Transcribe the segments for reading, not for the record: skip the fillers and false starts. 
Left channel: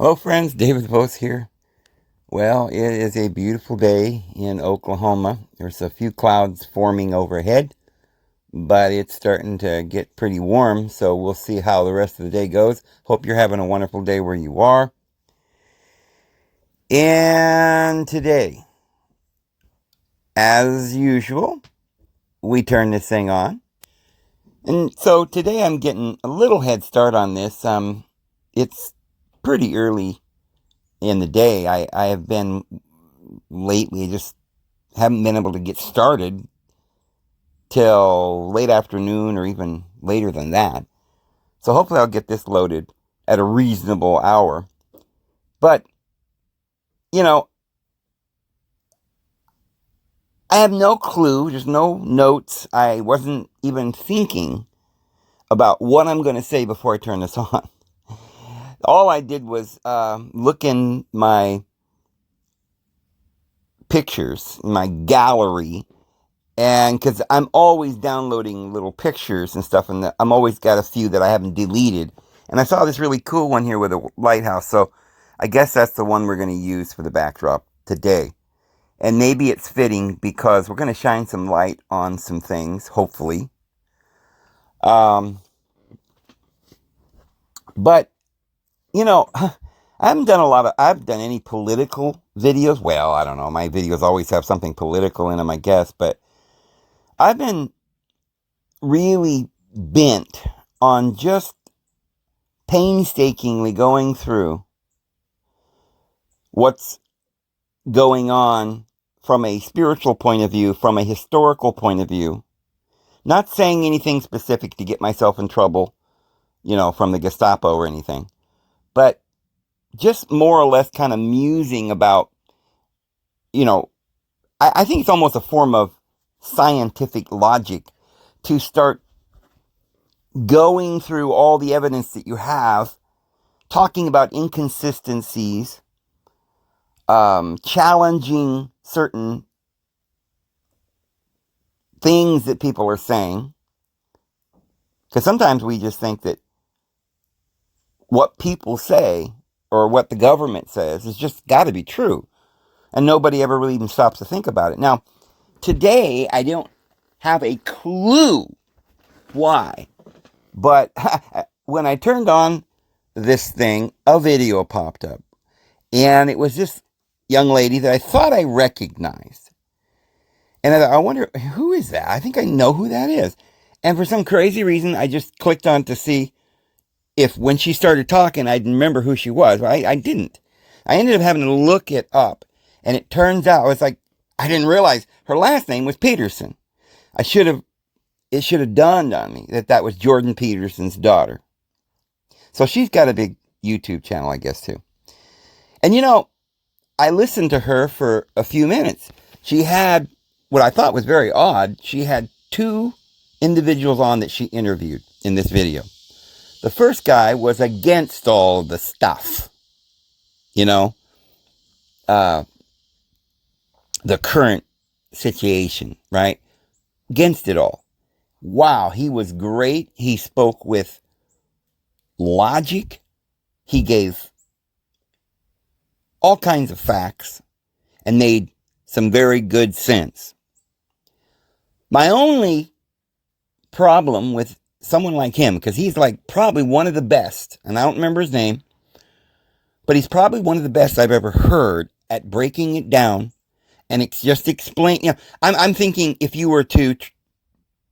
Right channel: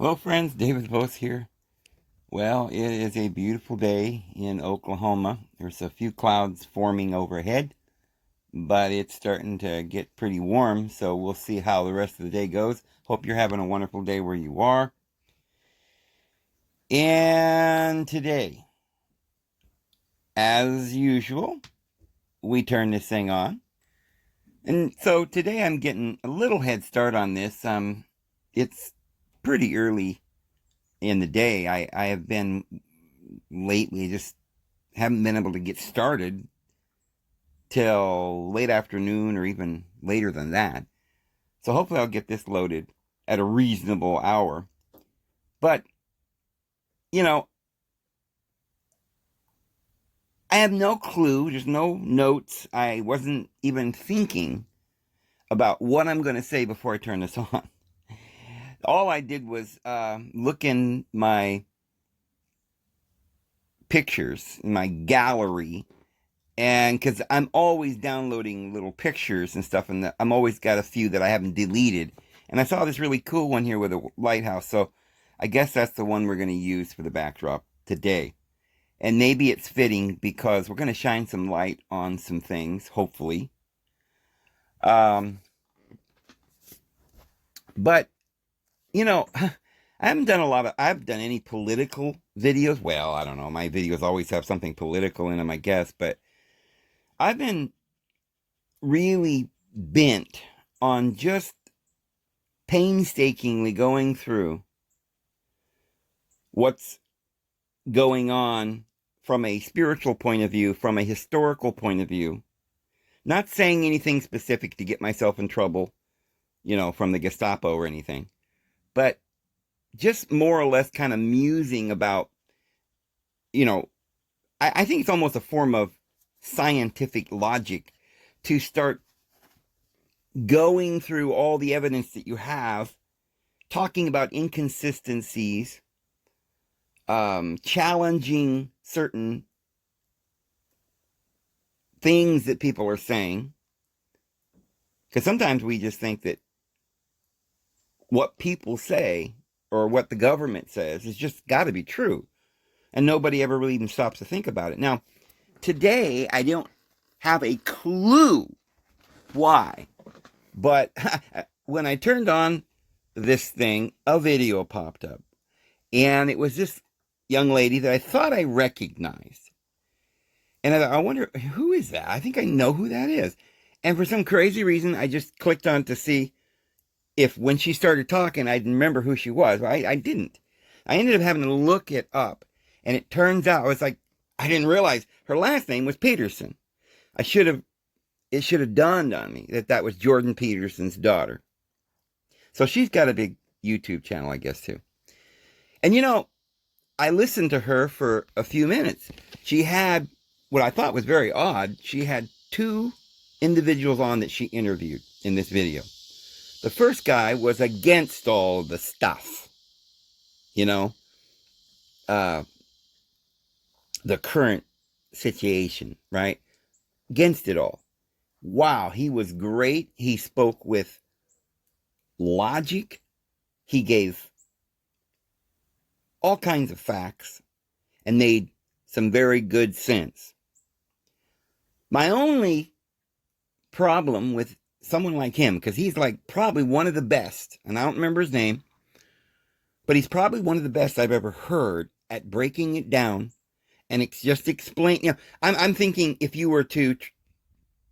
Hello, friends. David Vos here. Well, it is a beautiful day in Oklahoma. There's a few clouds forming overhead, but it's starting to get pretty warm, so we'll see how the rest of the day goes. Hope you're having a wonderful day where you are. And today, as usual, we turn this thing on. And so today I'm getting a little head start on this. It's pretty early in the day. I have been lately just haven't been able to get started till late afternoon or even later than that. So hopefully I'll get this loaded at a reasonable hour. But, you know, I have no clue. There's no notes. I wasn't even thinking about what I'm going to say before I turn this on. All I did was look in my pictures, my gallery, and because I'm always downloading little pictures and stuff, and I'm always got a few that I haven't deleted. And I saw this really cool one here with a lighthouse, so I guess that's the one we're going to use for the backdrop today. And maybe it's fitting because we're going to shine some light on some things, hopefully. Um, but, you know, I've done any political videos. Well, I don't know. My videos always have something political in them, I guess, but I've been really bent on just painstakingly going through what's going on from a spiritual point of view, from a historical point of view. Not saying anything specific to get myself in trouble, from the Gestapo or anything, but just more or less kind of musing about, I think it's almost a form of scientific logic to start going through all the evidence that you have, talking about inconsistencies, challenging certain things that people are saying. Because sometimes we just think that what people say or what the government says is just got to be true. And nobody ever really even stops to think about it. Now, today, I don't have a clue why. But when I turned on this thing, a video popped up. And it was this young lady that I thought I recognized. And I wonder, who is that? I think I know who that is. And for some crazy reason, I just clicked on to see if when she started talking, I'd remember who she was. But I didn't. I ended up having to look it up. And it turns out, I didn't realize her last name was Peterson. It should have dawned on me that was Jordan Peterson's daughter. So she's got a big YouTube channel, I guess, too. And I listened to her for a few minutes. She had what I thought was very odd. She had two individuals on that she interviewed in this video. The first guy was against all the stuff, the current situation, right? Against it all. Wow, he was great. He spoke with logic. He gave all kinds of facts and made some very good sense. My only problem with someone like him, because he's probably one of the best, and I don't remember his name, but he's probably one of the best I've ever heard at breaking it down and it's just explain. I'm thinking if you were to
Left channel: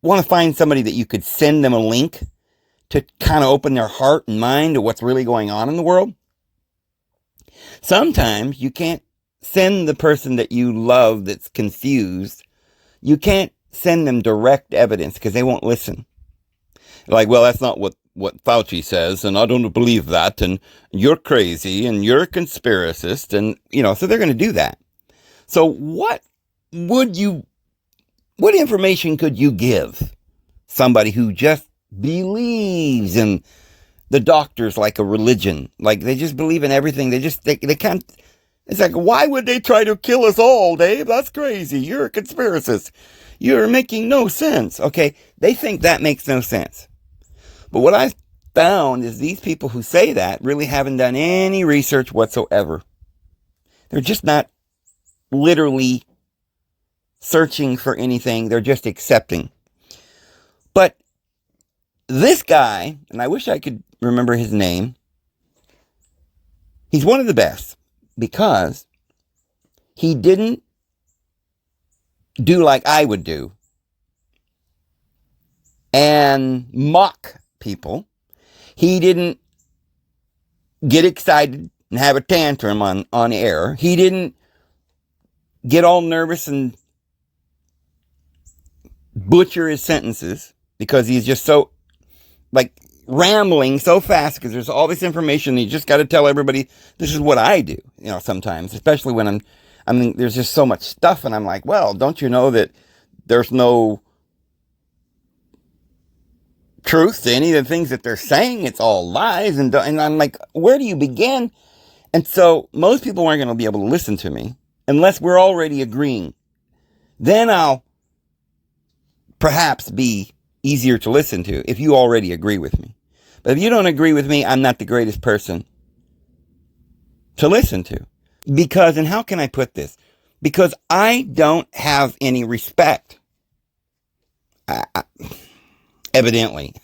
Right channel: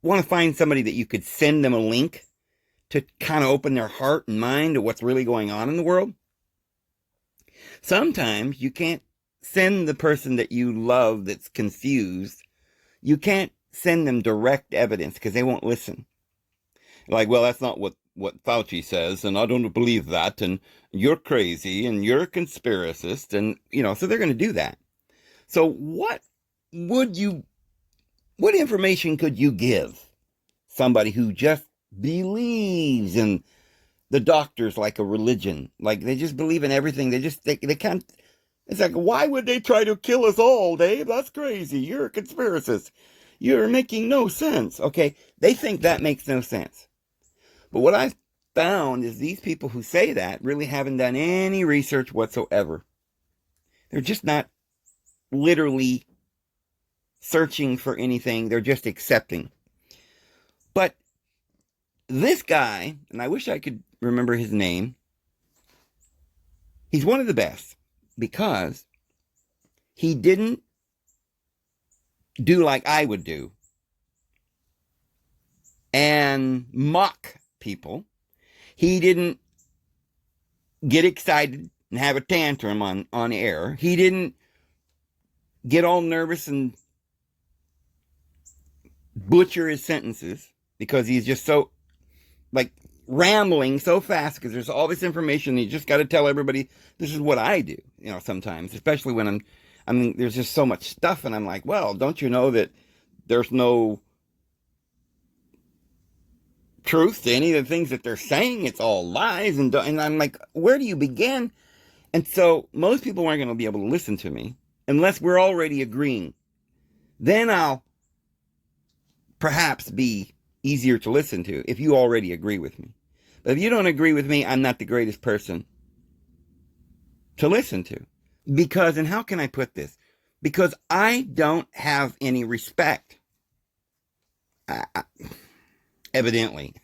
want to find somebody that you could send them a link to kind of open their heart and mind to what's really going on in the world. Sometimes you can't send the person that you love that's confused. You can't send them direct evidence because they won't listen. Well, that's not what Fauci says, and I don't believe that, and you're crazy, and you're a conspiracist, and, so they're going to do that. So what information could you give somebody who just believes in the doctors like a religion? They just believe in everything. They can't. It's why would they try to kill us all, Dave? That's crazy. You're a conspiracist. You're making no sense. Okay, they think that makes no sense. But what I found is these people who say that really haven't done any research whatsoever. They're just not literally searching for anything. They're just accepting. But this guy, and I wish I could remember his name, he's one of the best because he didn't do like I would do and mock people. He didn't get excited and have a tantrum on air. He didn't get all nervous and butcher his sentences because he's just so like rambling so fast because there's all this information. You just got to tell everybody this is what I do, sometimes, especially when there's just so much stuff and I'm like, well, don't you know that there's no truth to any of the things that they're saying? It's all lies. And I'm like, where do you begin? And so most people aren't going to be able to listen to me unless we're already agreeing. Then I'll perhaps be easier to listen to if you already agree with me. But if you don't agree with me, I'm not the greatest person to listen to. Because, and how can I put this? Because I don't have any respect. Evidently.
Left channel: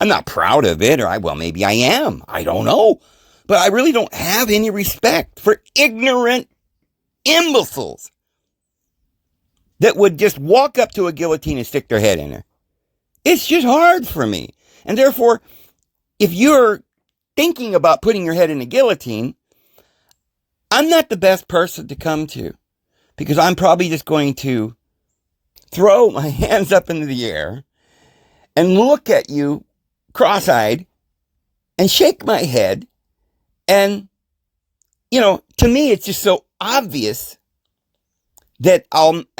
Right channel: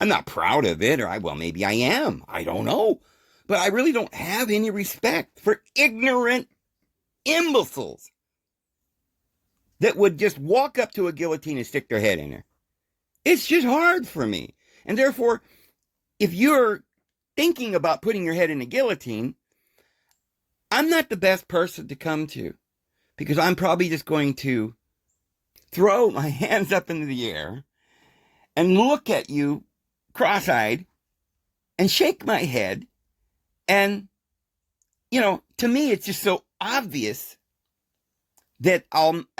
I'm not proud of it, well, maybe I am. I don't know. But I really don't have any respect for ignorant imbeciles that would just walk up to a guillotine and stick their head in her. It's just hard for me. And therefore, if you're thinking about putting your head in a guillotine, I'm not the best person to come to because I'm probably just going to throw my hands up into the air and look at you cross-eyed and shake my head. And, to me, it's just so obvious that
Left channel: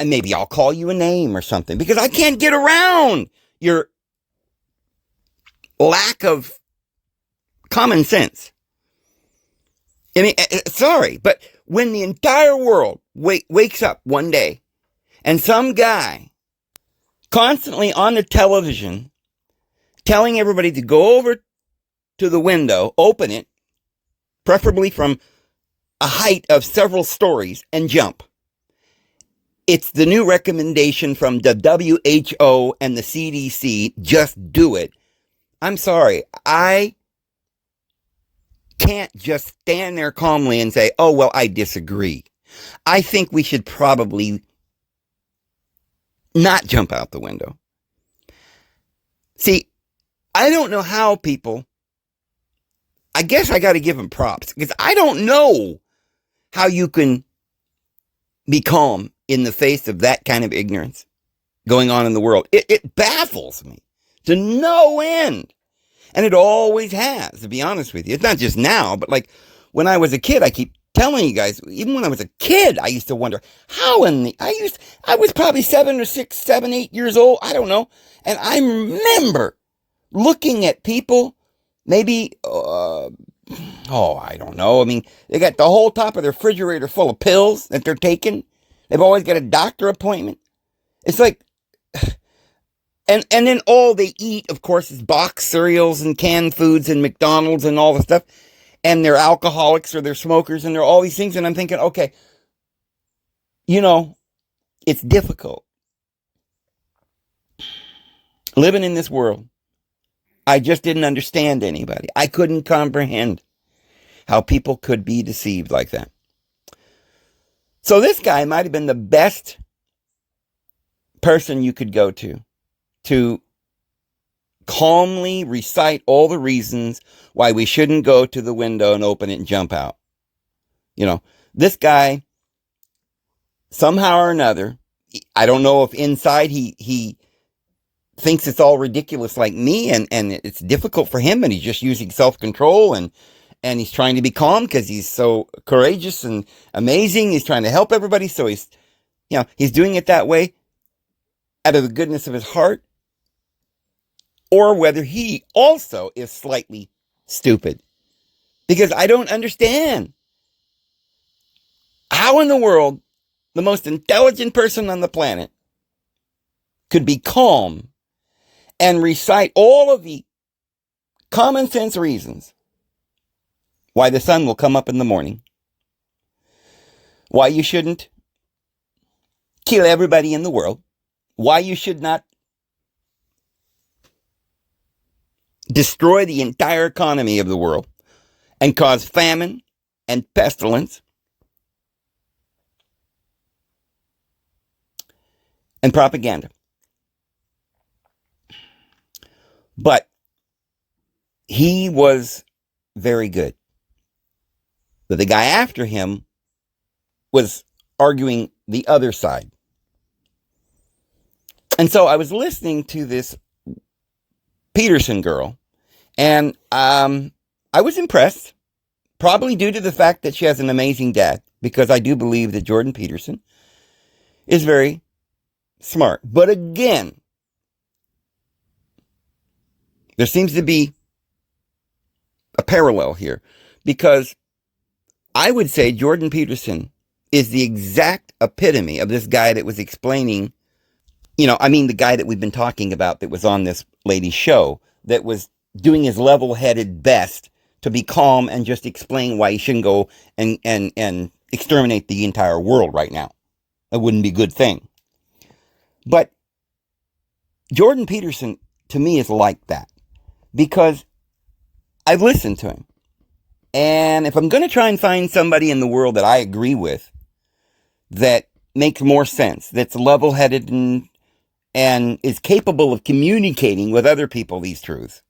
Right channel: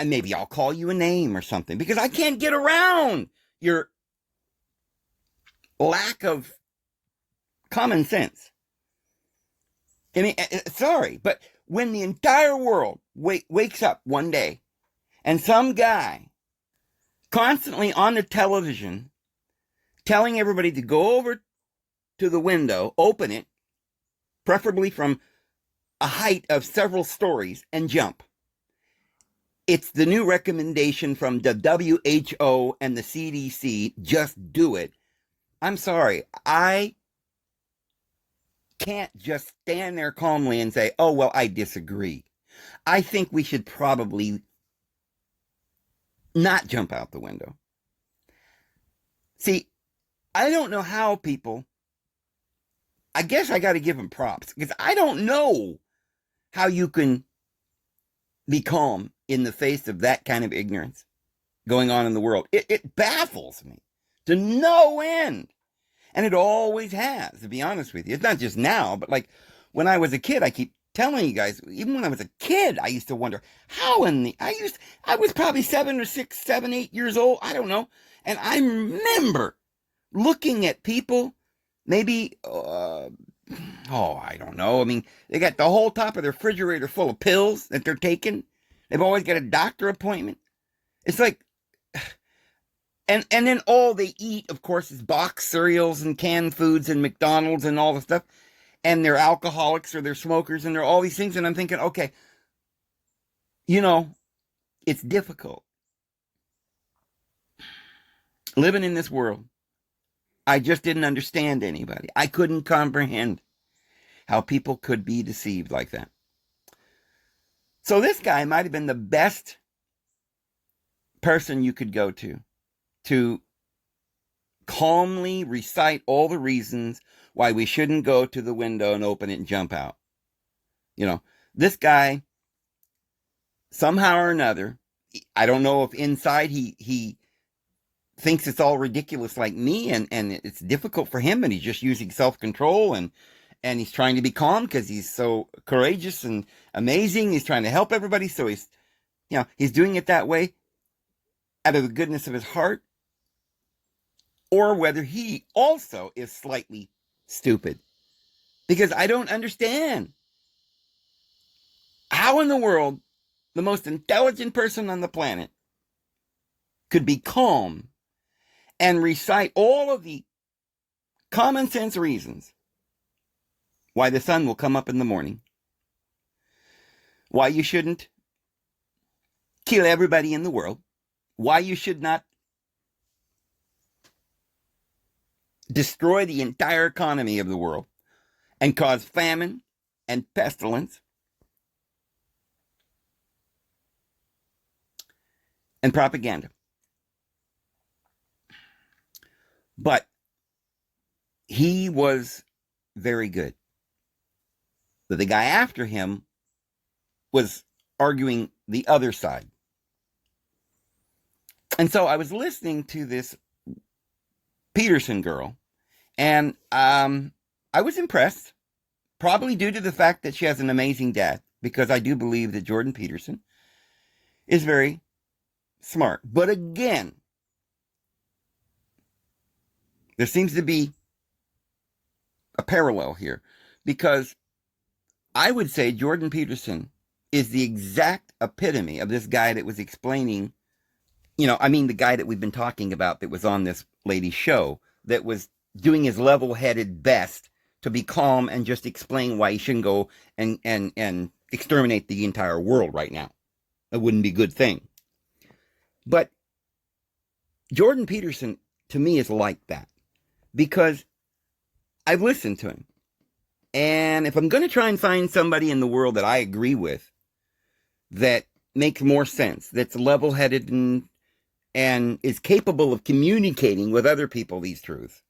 maybe I'll call you a name or something because I can't get around your lack of common sense. I mean, sorry, but when the entire world wakes up one day and some guy constantly on the television telling everybody to go over to the window, open it, preferably from a height of several stories, and jump. It's the new recommendation from the WHO and the CDC, just do it. I'm sorry, I can't just stand there calmly and say, oh, well, I disagree. I think we should probably not jump out the window. See, I don't know how people, I guess I got to give them props because I don't know how you can be calm in the face of that kind of ignorance going on in the world. It baffles me to no end. And it always has, to be honest with you. It's not just now, but like when I was a kid, I keep telling you guys, even when I was a kid, I used to wonder how I was probably 7 or 6, 7, 8 years old. I don't know. And I remember looking at people, maybe, I don't know. I mean, they got the whole top of their refrigerator full of pills that they're taking. They've always got a doctor appointment. It's like, and then all they eat, of course, is boxed cereals and canned foods and McDonald's and all the stuff. And they're alcoholics or they're smokers and they're all these things. And I'm thinking, okay, it's difficult living in this world. I just didn't understand anybody. I couldn't comprehend how people could be deceived like that. So this guy might have been the best person you could go to calmly recite all the reasons why we shouldn't go to the window and open it and jump out. This guy, somehow or another, I don't know if inside he thinks it's all ridiculous like me and it's difficult for him and he's just using self-control and he's trying to be calm because he's so courageous and amazing. He's trying to help everybody. So he's doing it that way out of the goodness of his heart. Or whether he also is slightly stupid. Because I don't understand how in the world the most intelligent person on the planet could be calm and recite all of the common sense reasons why the sun will come up in the morning, why you shouldn't kill everybody in the world, why you should not destroy the entire economy of the world and cause famine and pestilence and propaganda. But he was very good. But the guy after him was arguing the other side. And so I was listening to this Peterson girl, and I was impressed, probably due to the fact that she has an amazing dad, because I do believe that Jordan Peterson is very smart. But again, there seems to be a parallel here, because I would say Jordan Peterson is the exact epitome of this guy that was explaining, the guy that we've been talking about that was on this lady's show, that was doing his level-headed best to be calm and just explain why he shouldn't go and exterminate the entire world right now. It wouldn't be a good thing. But Jordan Peterson, to me, is like that, because I've listened to him. And if I'm going to try and find somebody in the world that I agree with, that makes more sense, that's level-headed and is capable of communicating with other people these truths,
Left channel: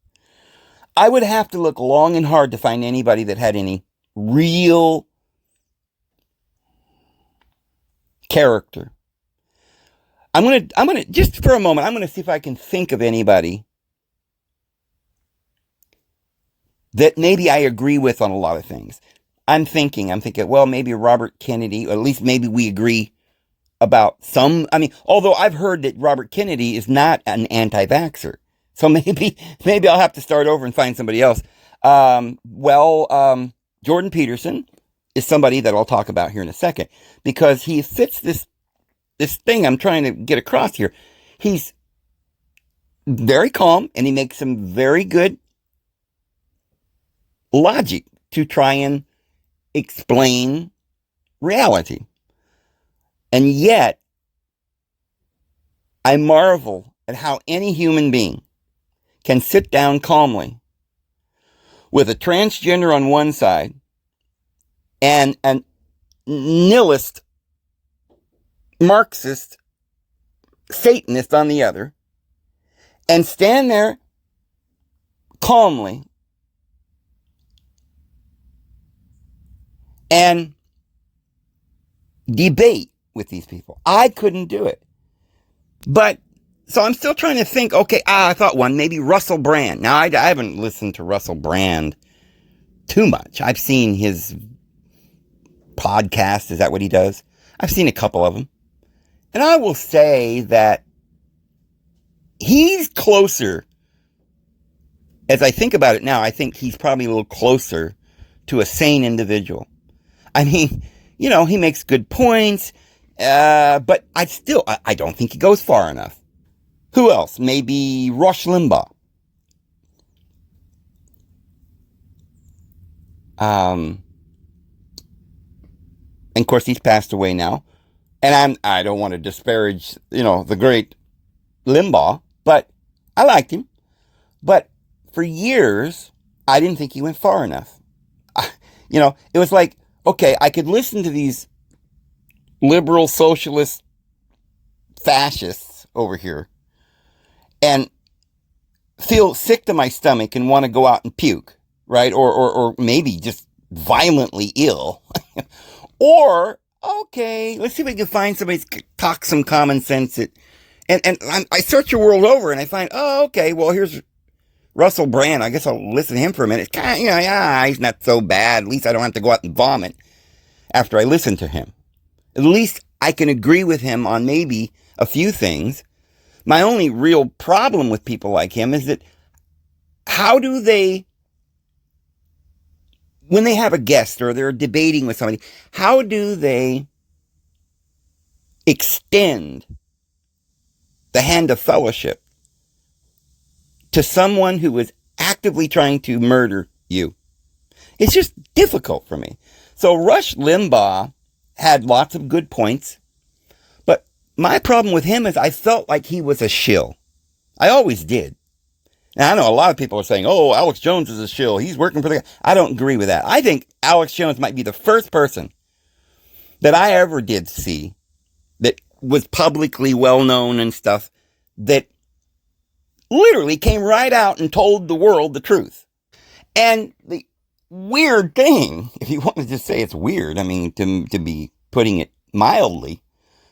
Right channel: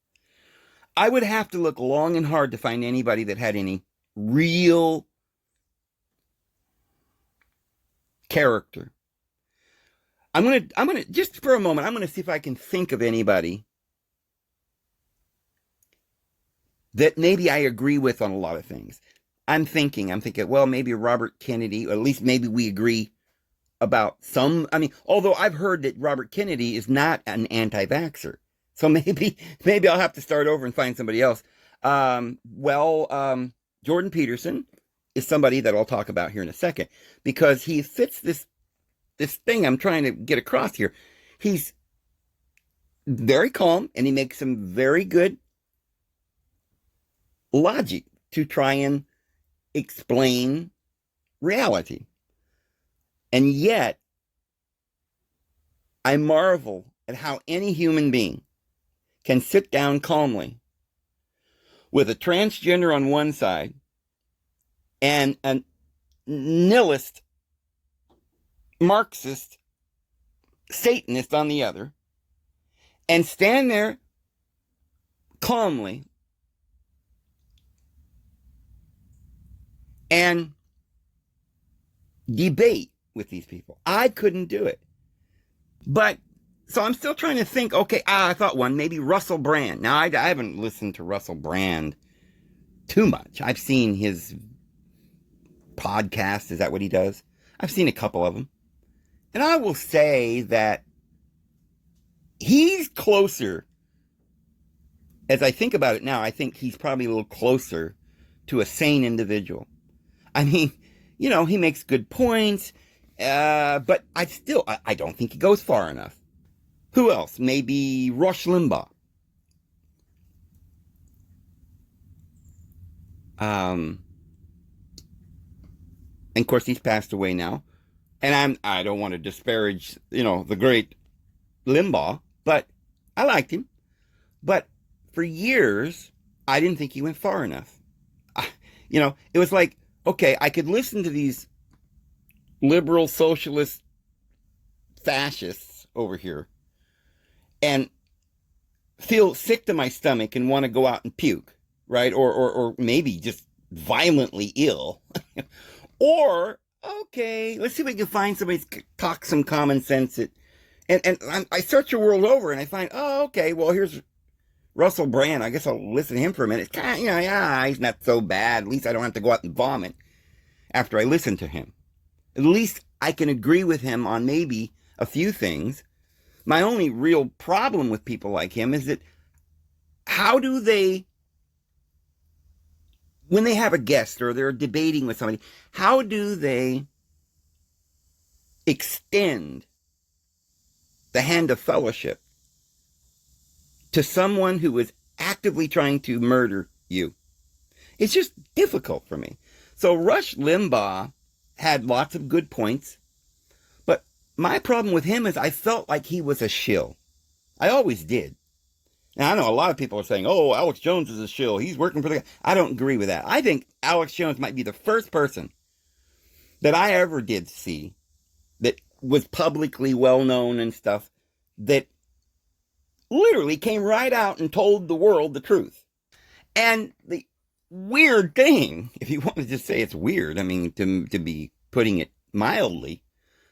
I would have to look long and hard to find anybody that had any real character. I'm gonna just for a moment, I'm gonna see if I can think of anybody that maybe I agree with on a lot of things. I'm thinking, well, maybe Robert Kennedy, or at least maybe we agree about some. Although I've heard that Robert Kennedy is not an anti-vaxxer. So maybe I'll have to start over and find somebody else. Jordan Peterson is somebody that I'll talk about here in a second, because he fits this thing I'm trying to get across here. He's very calm, and he makes some very good logic to try and explain reality. And yet, I marvel at how any human being can sit down calmly with a transgender on one side and a nihilist, Marxist, Satanist on the other, and stand there calmly and debate with these people. I couldn't do it. But, so I'm still trying to think, okay, I thought one, maybe Russell Brand. Now, I haven't listened to Russell Brand too much. I've seen his podcast. Is that what he does? I've seen a couple of them. And I will say that he's closer, as I think about it now, I think he's probably a little closer to a sane individual. He makes good points, but I don't think he goes far enough. Who else? Maybe Rush Limbaugh. And of course, he's passed away now. And I don't want to disparage, the great Limbaugh, but I liked him. But for years, I didn't think he went far enough. It was like, okay, I could listen to these liberal, socialist, fascists over here and feel sick to my stomach and want to go out and puke, right? Or maybe just violently ill. Or, okay, let's see if we can find somebody to talk some common sense. And I search the world over and I find, okay, well, here's Russell Brand. I guess I'll listen to him for a minute. He's not so bad. At least I don't have to go out and vomit after I listen to him. At least I can agree with him on maybe a few things. My only real problem with people like him is that how do they, when they have a guest or they're debating with somebody, how do they extend the hand of fellowship to someone who is actively trying to murder you. It's just difficult for me. So Rush Limbaugh had lots of good points, but my problem with him is I felt like he was a shill. I always did. Now, I know a lot of people are saying, oh, Alex Jones is a shill. He's working for the... I don't agree with that. I think Alex Jones might be the first person that I ever did see that was publicly well known and stuff that literally came right out and told the world the truth. And the weird thing, if you want to just say it's weird, I mean, to be putting it mildly,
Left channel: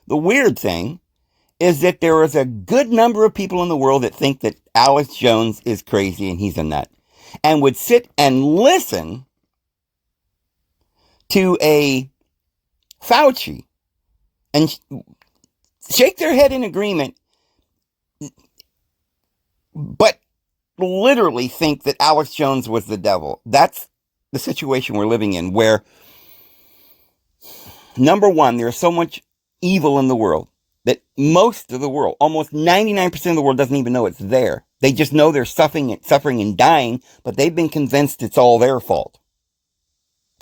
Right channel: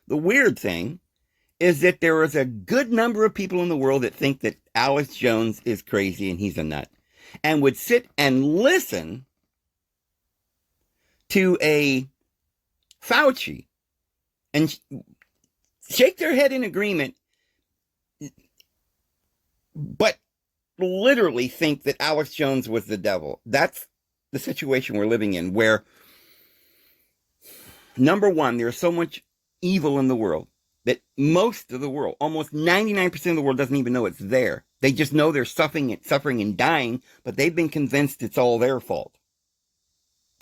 the weird thing is that there is a good number of people in the world that think that Alex Jones is crazy and he's a nut and would sit and listen to a Fauci and shake their head in agreement, but literally think that Alex Jones was the devil. That's the situation we're living in, where, number one, there's so much evil in the world that most of the world, almost 99% of the world, doesn't even know it's there. They just know they're suffering and dying, but they've been convinced it's all their fault.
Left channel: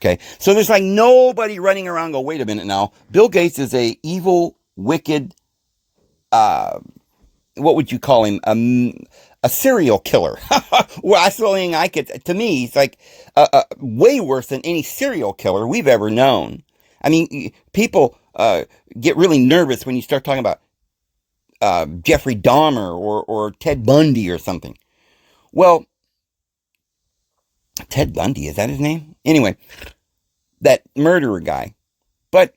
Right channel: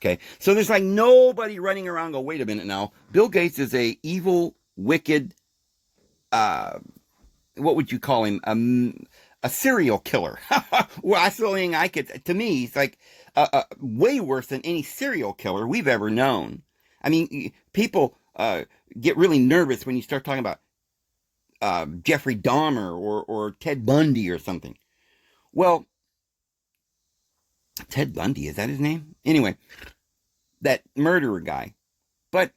Okay, so there's like nobody running around and go, wait a minute now, Bill Gates is a evil, wicked, what would you call him? A serial killer. Well, that's the only thing I could, to me, he's like way worse than any serial killer we've ever known. I mean, people get really nervous when you start talking about Jeffrey Dahmer or Ted Bundy or something. Well, Ted Bundy, is that his name? Anyway, that murderer guy. But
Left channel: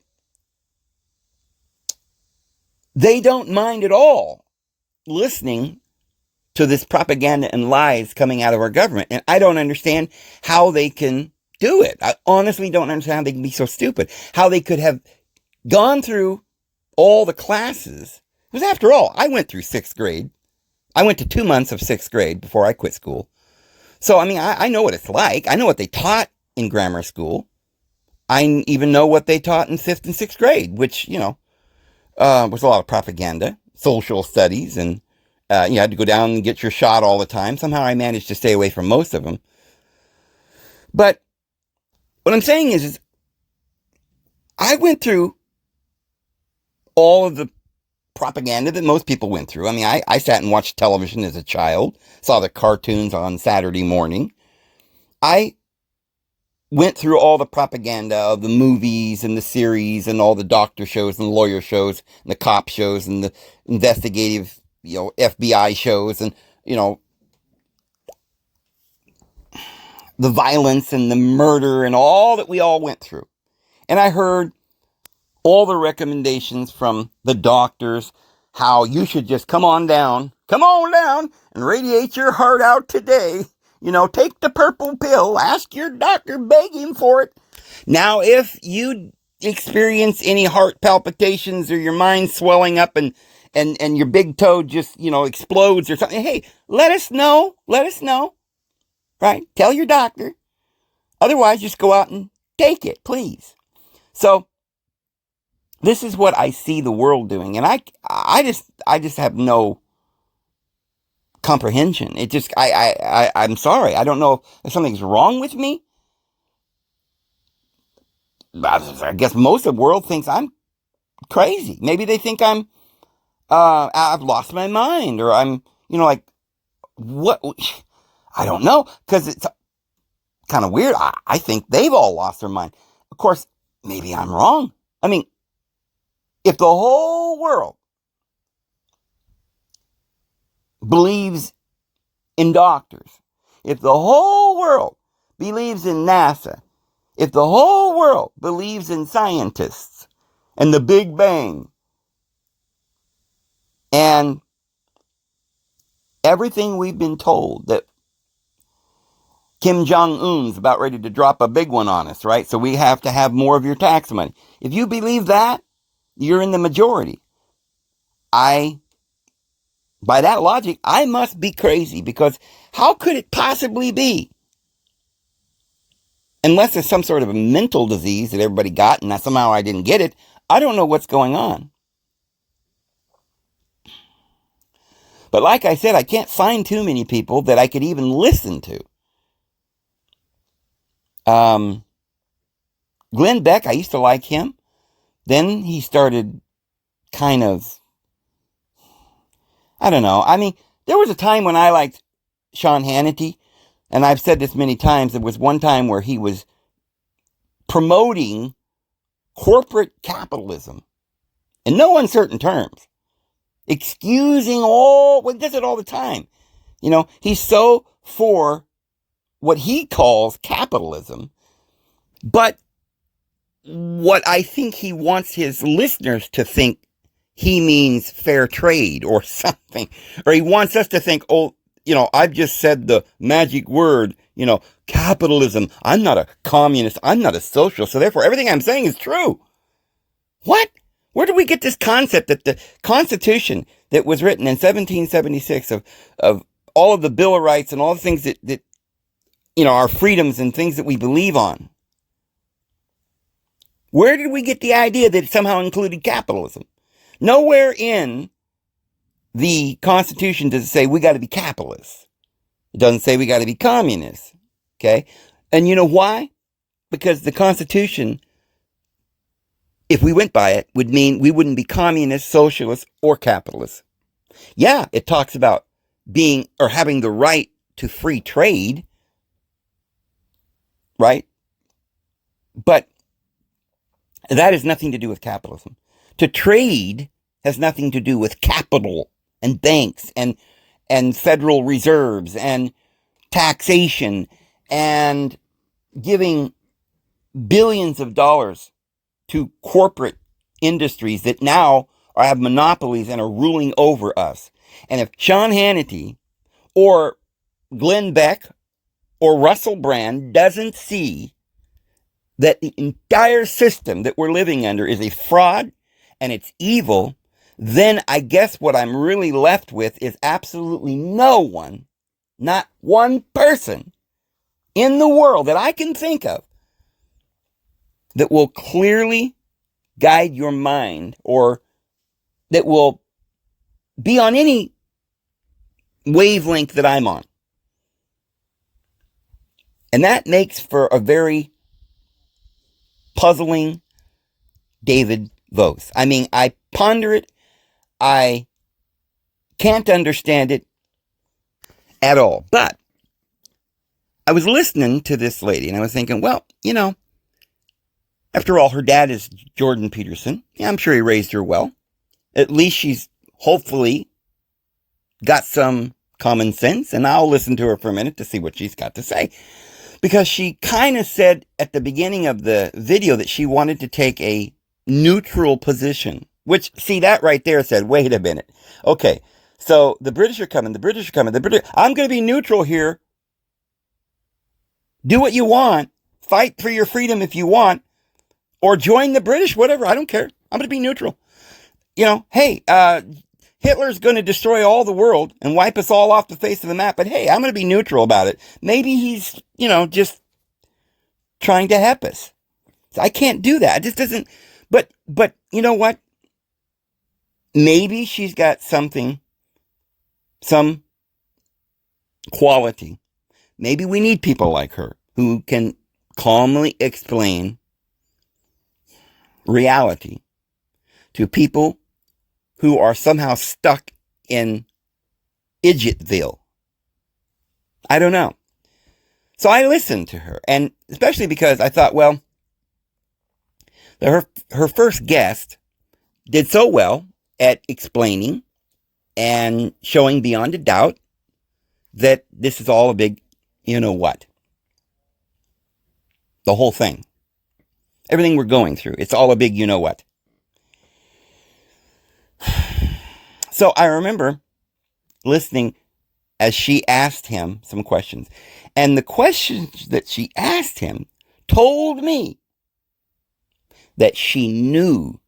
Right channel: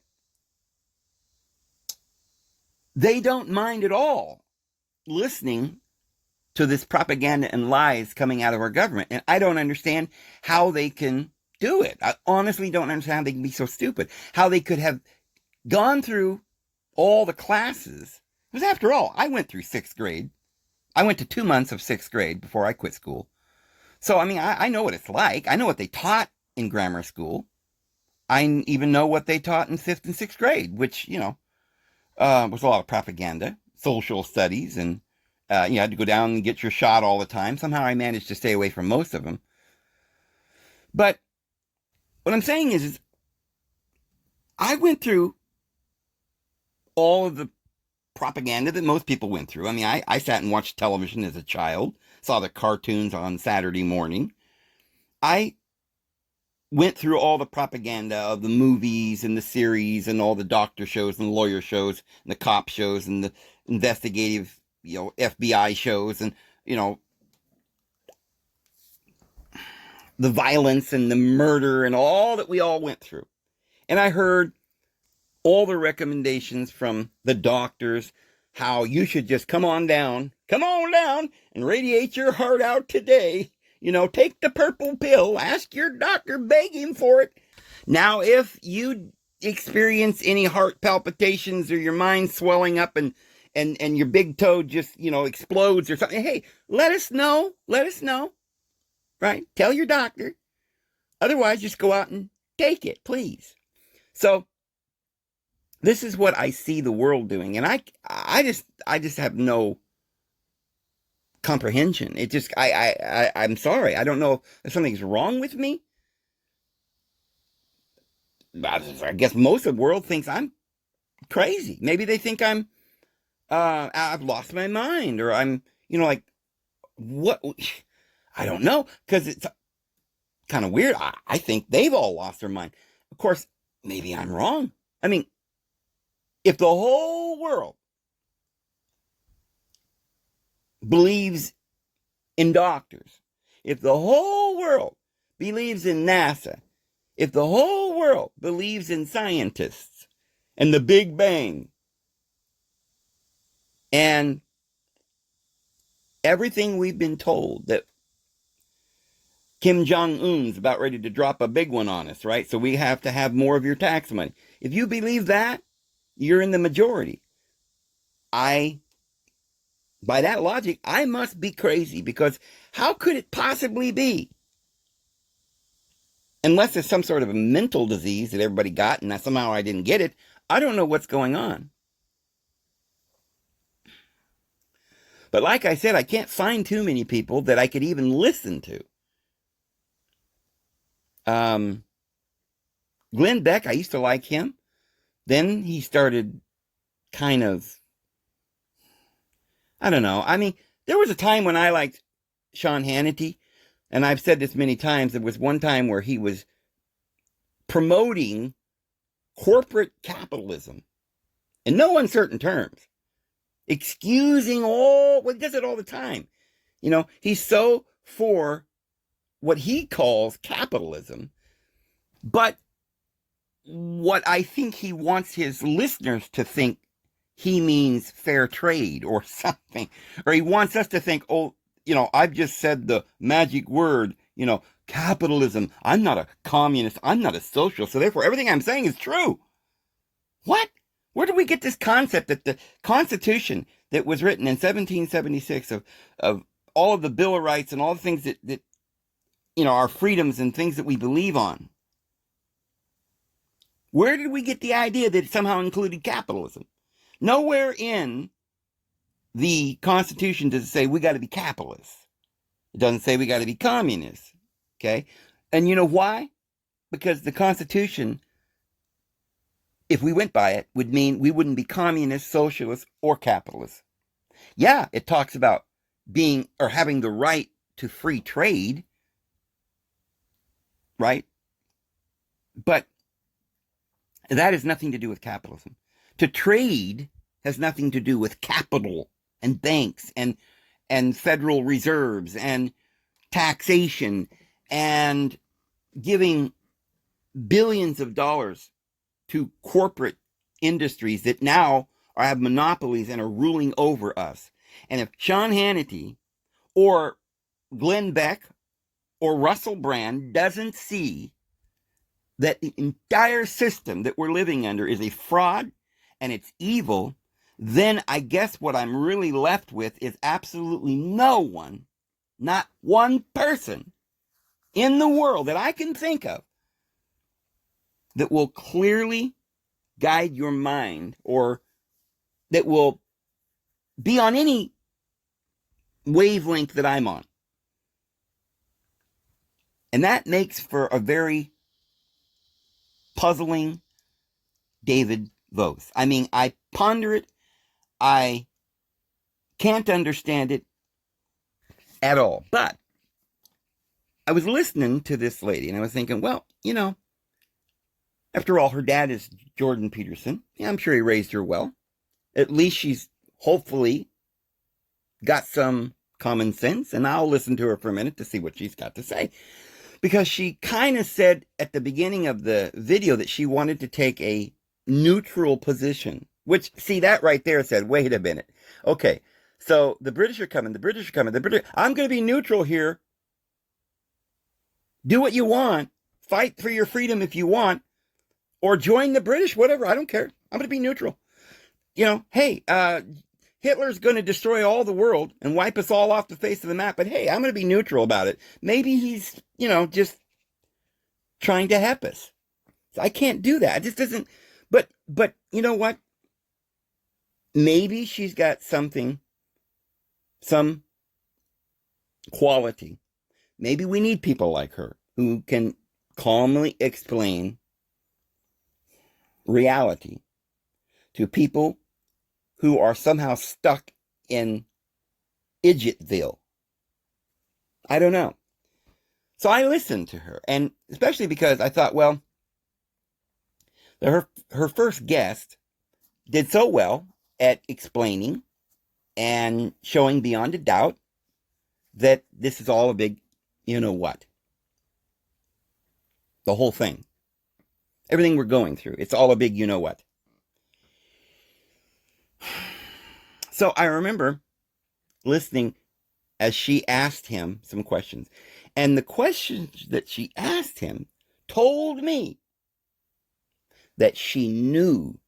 they don't mind at all listening to this propaganda and lies coming out of our government. And I don't understand how they can do it. I honestly don't understand how they can be so stupid. How they could have gone through all the classes. Because after all, I went through 6th grade. I went to 2 months of 6th grade before I quit school. So, I mean, I know what it's like. I know what they taught in grammar school. I even know what they taught in 5th and 6th grade, which, you know, was a lot of propaganda, social studies, and you had to go down and get your shot all the time. Somehow I managed to stay away from most of them. But what I'm saying is I went through all of the propaganda that most people went through. I mean, I sat and watched television as a child, saw the cartoons on Saturday morning. I went through all the propaganda of the movies and the series and all the doctor shows and lawyer shows and the cop shows and the investigative, you know, FBI shows and, you know, the violence and the murder and all that we all went through. And I heard all the recommendations from the doctors, how you should just come on down and radiate your heart out today. You know, take the purple pill, ask your doctor, beg him for it. Now, if you experience any heart palpitations or your mind swelling up and your big toe just, you know, explodes or something, hey, let us know, right? Tell your doctor. Otherwise, just go out and take it, please. So, this is what I see the world doing, and I just have no comprehension. It just, I'm sorry. I don't know if something's wrong with me. I guess most of the world thinks I'm crazy. Maybe they think I've lost my mind, or I'm, you know, like, what? I don't know, because it's kind of weird. I think they've all lost their mind. Of course, maybe I'm wrong. I mean, if the whole world believes in doctors, if the whole world believes in NASA, if the whole world believes in scientists and the Big Bang and everything we've been told, that Kim Jong-un's about ready to drop a big one on us, right? So we have to have more of your tax money. If you believe that, you're in the majority. By that logic, I must be crazy, because how could it possibly be? Unless it's some sort of a mental disease that everybody got and somehow I didn't get it, I don't know what's going on. But like I said, I can't find too many people that I could even listen to. Glenn Beck, I used to like him. Then he started kind of, I don't know. I mean, there was a time when I liked Sean Hannity, and I've said this many times. There was one time where he was promoting corporate capitalism in no uncertain terms, excusing all, well, he does it all the time. You know, he's so for what he calls capitalism, but what I think he wants his listeners to think he means fair trade or something, or he wants us to think, oh, you know, I've just said the magic word, you know, capitalism. I'm not a communist. I'm not a socialist. So therefore, everything I'm saying is true. What? Where did we get this concept that the Constitution that was written in 1776 of all of the Bill of Rights and all the things that you know, our freedoms and things that we believe on, where did we get the idea that it somehow included capitalism? Nowhere in the Constitution does it say we got to be capitalists. It doesn't say we got to be communists. Okay? And you know why? Because the Constitution, if we went by it, would mean we wouldn't be communists, socialists, or capitalists. Yeah, it talks about being or having the right to free trade, right? But that has nothing to do with capitalism. To trade has nothing to do with capital and banks and federal reserves and taxation and giving billions of dollars to corporate industries that now have monopolies and are ruling over us. And if Sean Hannity or Glenn Beck or Russell Brand doesn't see that the entire system that we're living under is a fraud and it's evil, then I guess what I'm really left with is absolutely no one, not one person in the world that I can think of that will clearly guide your mind or that will be on any wavelength that I'm on. And that makes for a very puzzling David Vos. I mean, I ponder it. I can't understand it at all. But I was listening to this lady and I was thinking, well, you know, after all, her dad is Jordan Peterson. Yeah, I'm sure he raised her well. At least she's hopefully got some common sense, and I'll listen to her for a minute to see what she's got to say. Because she kind of said at the beginning of the video that she wanted to take a neutral position, which, see, that right there said, wait a minute. Okay, so the British are coming, I'm going to be neutral here. Do what you want. Fight for your freedom if you want. Or join the British, whatever. I don't care. I'm going to be neutral. You know, hey, Hitler's going to destroy all the world and wipe us all off the face of the map. But hey, I'm going to be neutral about it. Maybe he's, you know, just trying to help us. So I can't do that. It just doesn't. But you know what? Maybe she's got something, some quality. Maybe we need people like her who can calmly explain reality to people who are somehow stuck in Idiotville. I don't know. So I listened to her, and especially because I thought, well, her first guest did so well at explaining and showing beyond a doubt that this is all a big, you know what? The whole thing. Everything we're going through, it's all a big you know what. So I remember listening as she asked him some questions. And the questions that she asked him told me that she knew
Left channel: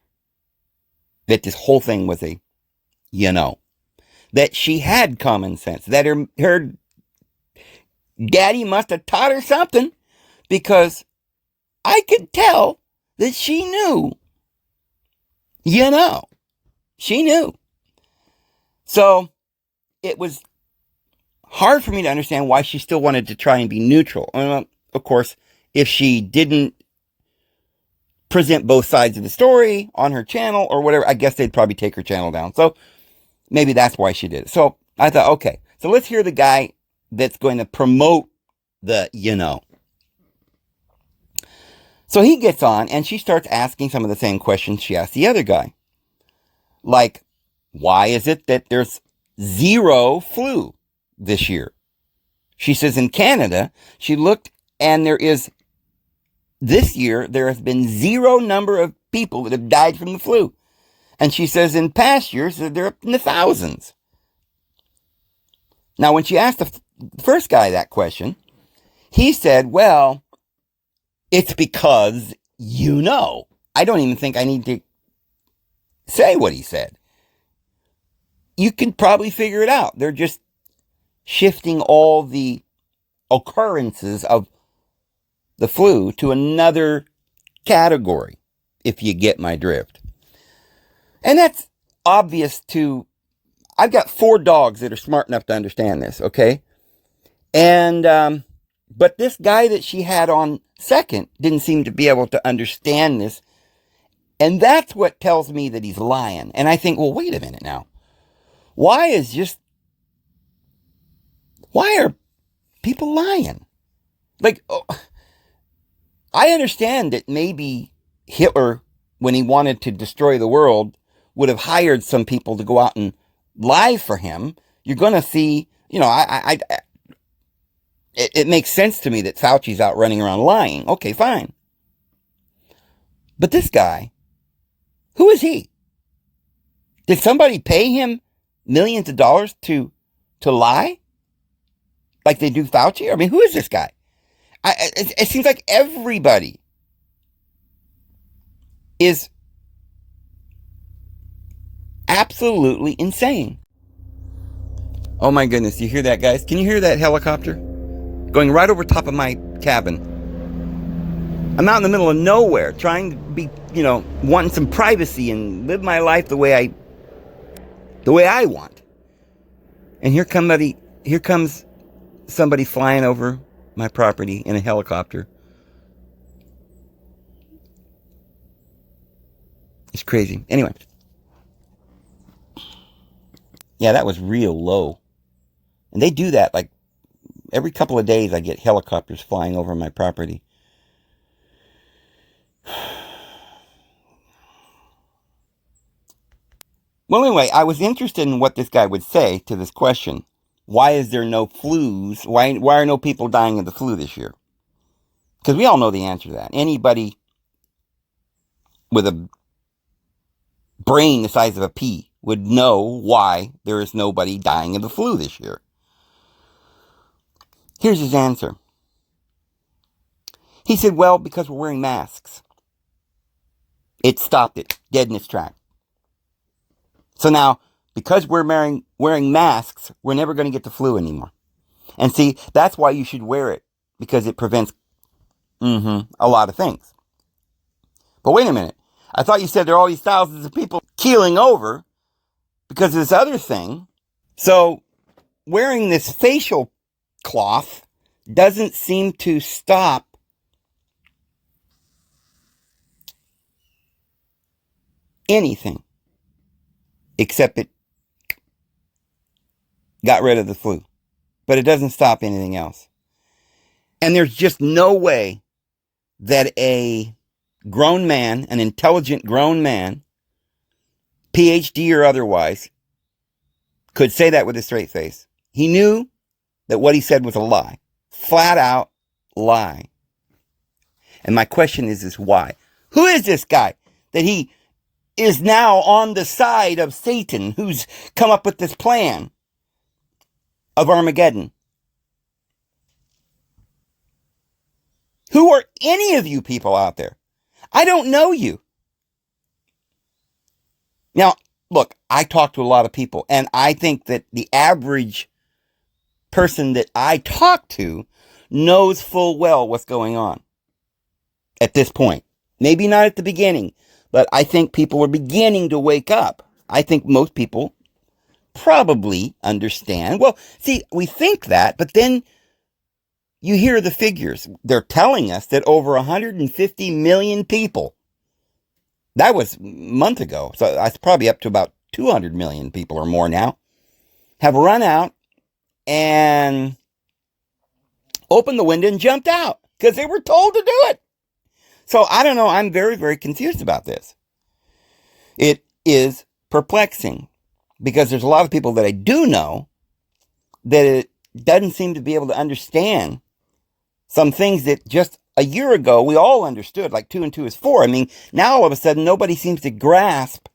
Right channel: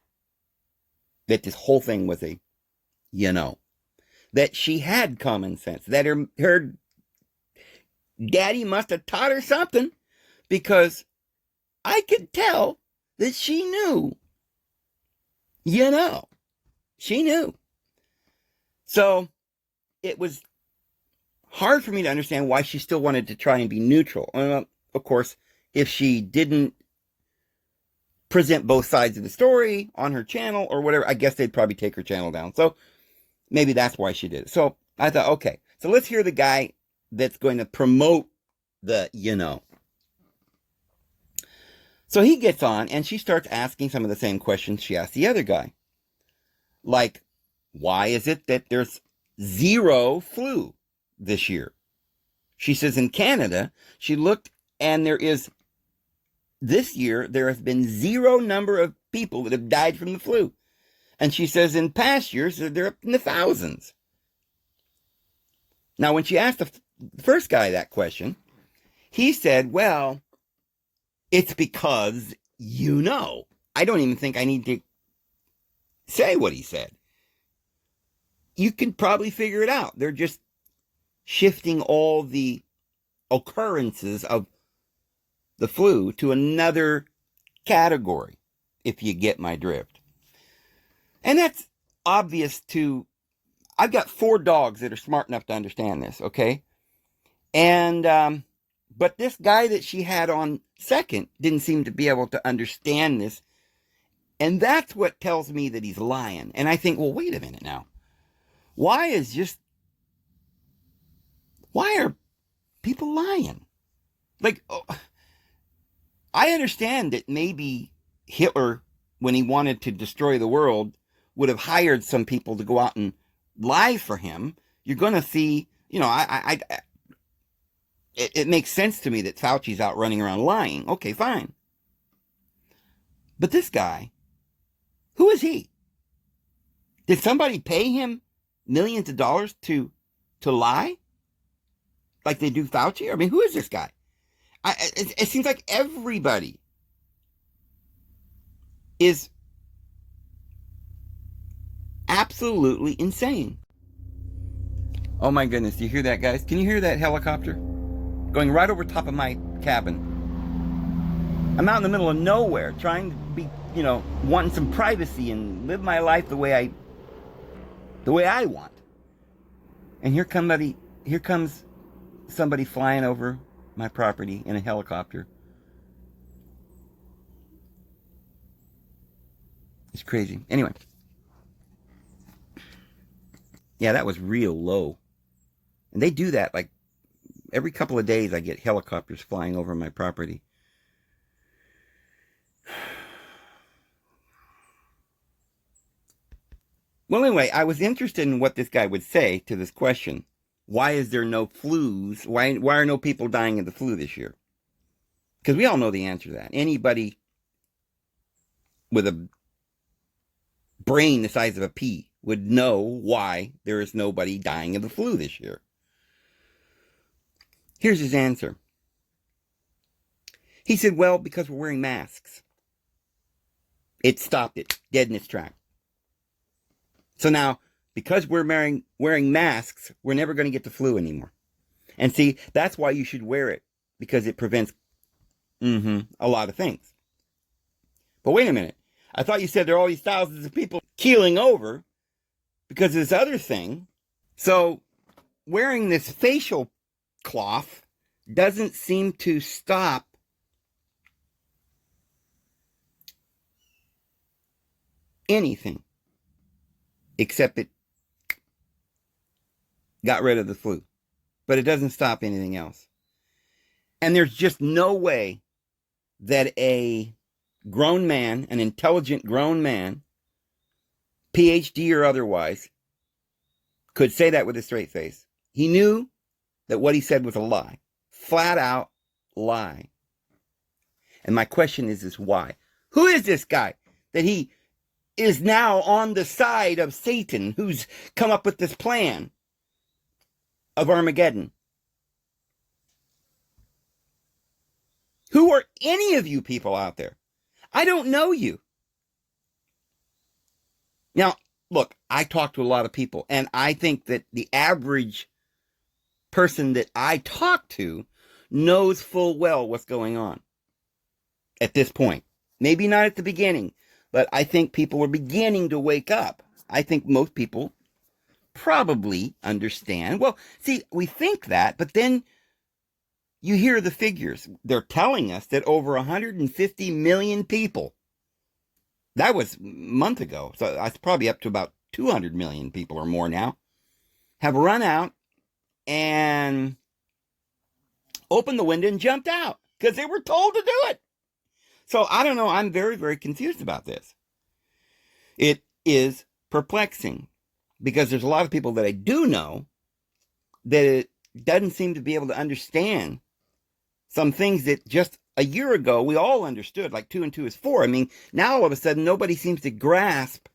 that this whole thing was a, you know, that she had common sense, that her daddy must have taught her something, because I could tell that she knew, you know, she knew. So it was hard for me to understand why she still wanted to try and be neutral. Of course, if she didn't present both sides of the story on her channel or whatever, I guess they'd probably take her channel down. So maybe that's why she did it. So I thought, okay, so let's hear the guy that's going to promote the, So he gets on and she starts asking some of the same questions she asked the other guy. Like, why is it that there's zero flu this year? She says in Canada, she looked and this year, there has been zero number of people that have died from the flu. And she says in past years, they're up in the thousands. Now, when she asked the first guy that question, he said, well, it's because I don't even think I need to say what he said. You can probably figure it out. They're just shifting all the occurrences of the flu to another category, if you get my drift. And that's obvious I've got 4 dogs that are smart enough to understand this, okay? And, but this guy that she had on second didn't seem to be able to understand this. And that's what tells me that he's lying. And I think, well, wait a minute now. Why are people lying? Like, I understand that maybe Hitler, when he wanted to destroy the world, would have hired some people to go out and lie for him. You're going to see, it makes sense to me that Fauci's out running around lying. Okay, fine. But this guy, who is he? Did somebody pay him millions of dollars to lie? Like they do Fauci? I mean, who is this guy? It seems like everybody is absolutely insane. Oh my goodness, you hear that, guys? Can you hear that helicopter going right over top of my cabin? I'm out in the middle of nowhere trying to be, wanting some privacy and live my life the way I want. And here comes somebody flying over my property in a helicopter. It's crazy. Anyway. Yeah, that was real low. And they do that like every couple of days. I get helicopters flying over my property. Well, anyway, I was interested in what this guy would say to this question. Why is there no flus? Why are no people dying of the flu this year? Because we all know the answer to that. Anybody with a brain the size of a pea would know why there is nobody dying of the flu this year. Here's his answer. He said, well, because we're wearing masks. It stopped it dead in its tracks. So now, because we're wearing masks, we're never going to get the flu anymore. And see, that's why you should wear it, because it prevents a lot of things. But wait a minute. I thought you said there are all these thousands of people keeling over because of this other thing. So wearing this facial cloth doesn't seem to stop anything, except it got rid of the flu. But it doesn't stop anything else. And there's just no way that a grown man, an intelligent grown man, PhD or otherwise, could say that with a straight face. He knew that what he said was a lie. Flat out lie. And my question is why? Who is this guy that he is now on the side of Satan, who's come up with this plan of Armageddon? Who are any of you people out there? I don't know you. Now, look, I talk to a lot of people, and I think that the average person that I talk to knows full well what's going on at this point. Maybe not at the beginning, but I think people are beginning to wake up. I think most people probably understand. Well, see, we think that, but then you hear the figures. They're telling us that over 150 million people, that was a month ago, so that's probably up to about 200 million people or more now, have run out and opened the window and jumped out because they were told to do it. So I don't know. I'm very, very confused about this. It is perplexing because there's a lot of people that I do know that it doesn't seem to be able to understand some things that just a year ago we all understood, like 2 and 2 is 4. I mean, now all of a sudden nobody seems to grasp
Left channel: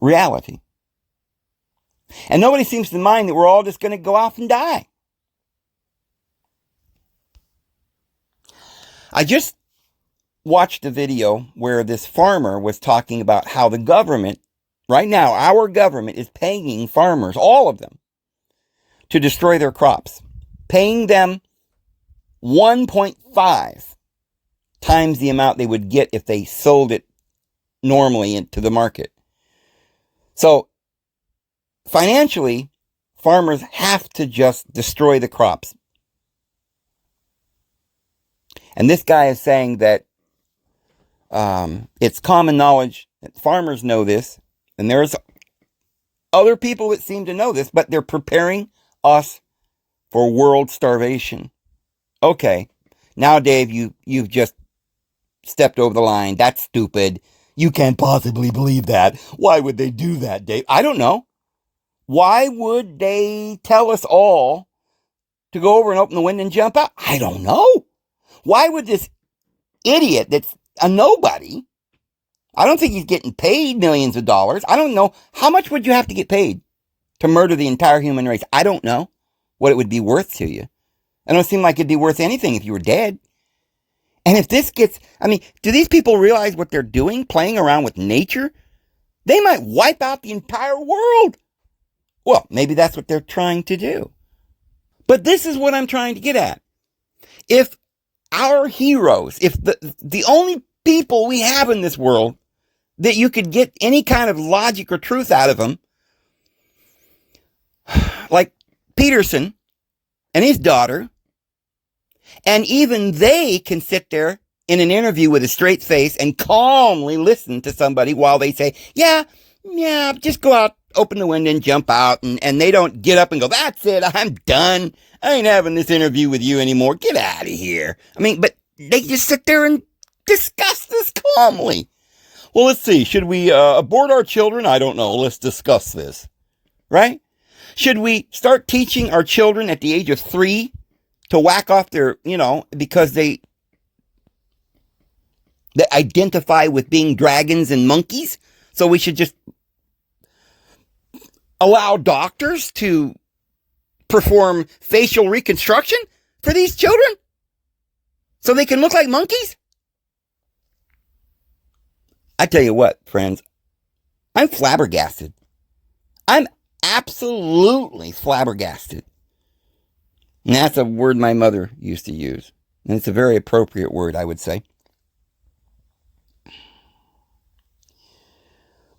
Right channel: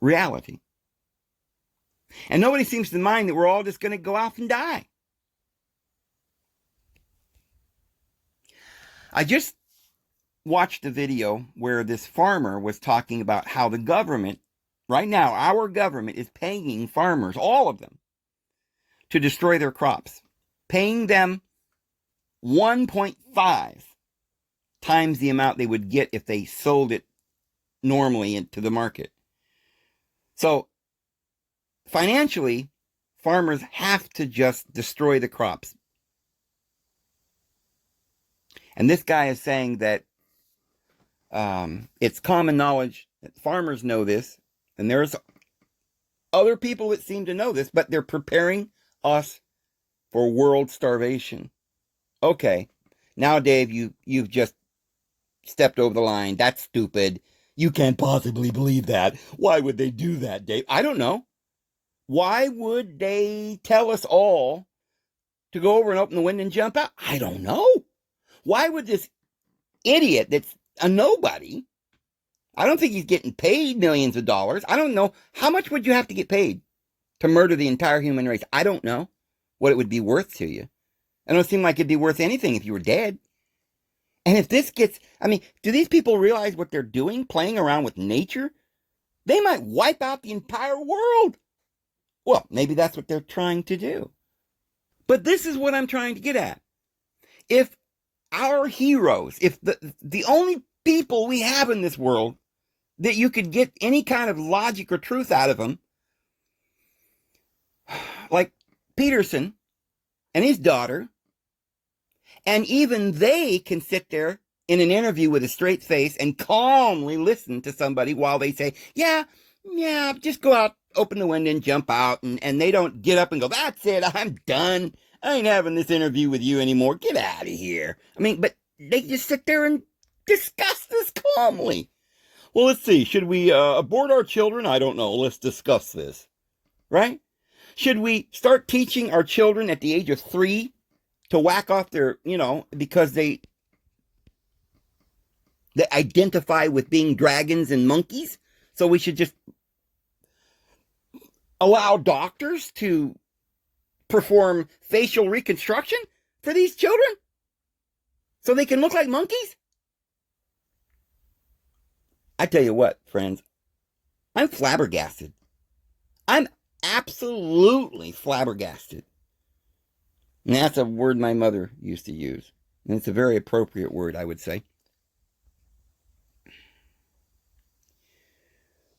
reality. And nobody seems to mind that we're all just going to go off and die. I just watched a video where this farmer was talking about how the government, right now, our government is paying farmers, all of them, to destroy their crops, paying them 1.5 times the amount they would get if they sold it normally into the market. So financially, farmers have to just destroy the crops. And this guy is saying that it's common knowledge that farmers know this, and there's other people that seem to know this, but they're preparing us for world starvation. Okay, now Dave, you've just stepped over the line. That's stupid. You can't possibly believe that. Why would they do that, Dave? I don't know. Why would they tell us all to go over and open the window and jump out? I don't know. Why would this idiot that's a nobody, I don't think he's getting paid millions of dollars. I don't know. How much would you have to get paid to murder the entire human race? I don't know what it would be worth to you. It don't seem like it'd be worth anything if you were dead. And if this gets, I mean, do these people realize what they're doing, playing around with nature? They might wipe out the entire world. Well, maybe that's what they're trying to do. But this is what I'm trying to get at. If our heroes, if the only people we have in this world that you could get any kind of logic or truth out of them, like Peterson and his daughter, and even they can sit there in an interview with a straight face and calmly listen to somebody while they say, yeah, just go out, open the window and jump out. And they don't get up and go, that's it, I'm done. I ain't having this interview with you anymore. Get out of here. I mean, but they just sit there and discuss this calmly. Well, let's see. Should we abort our children? I don't know. Let's discuss this. Right? Should we start teaching our children at the age of 3 to whack off their, because they identify with being dragons and monkeys? So we should just allow doctors to perform facial reconstruction for these children so they can look like monkeys? I tell you what, friends, I'm flabbergasted. I'm absolutely flabbergasted. And that's a word my mother used to use. And it's a very appropriate word, I would say.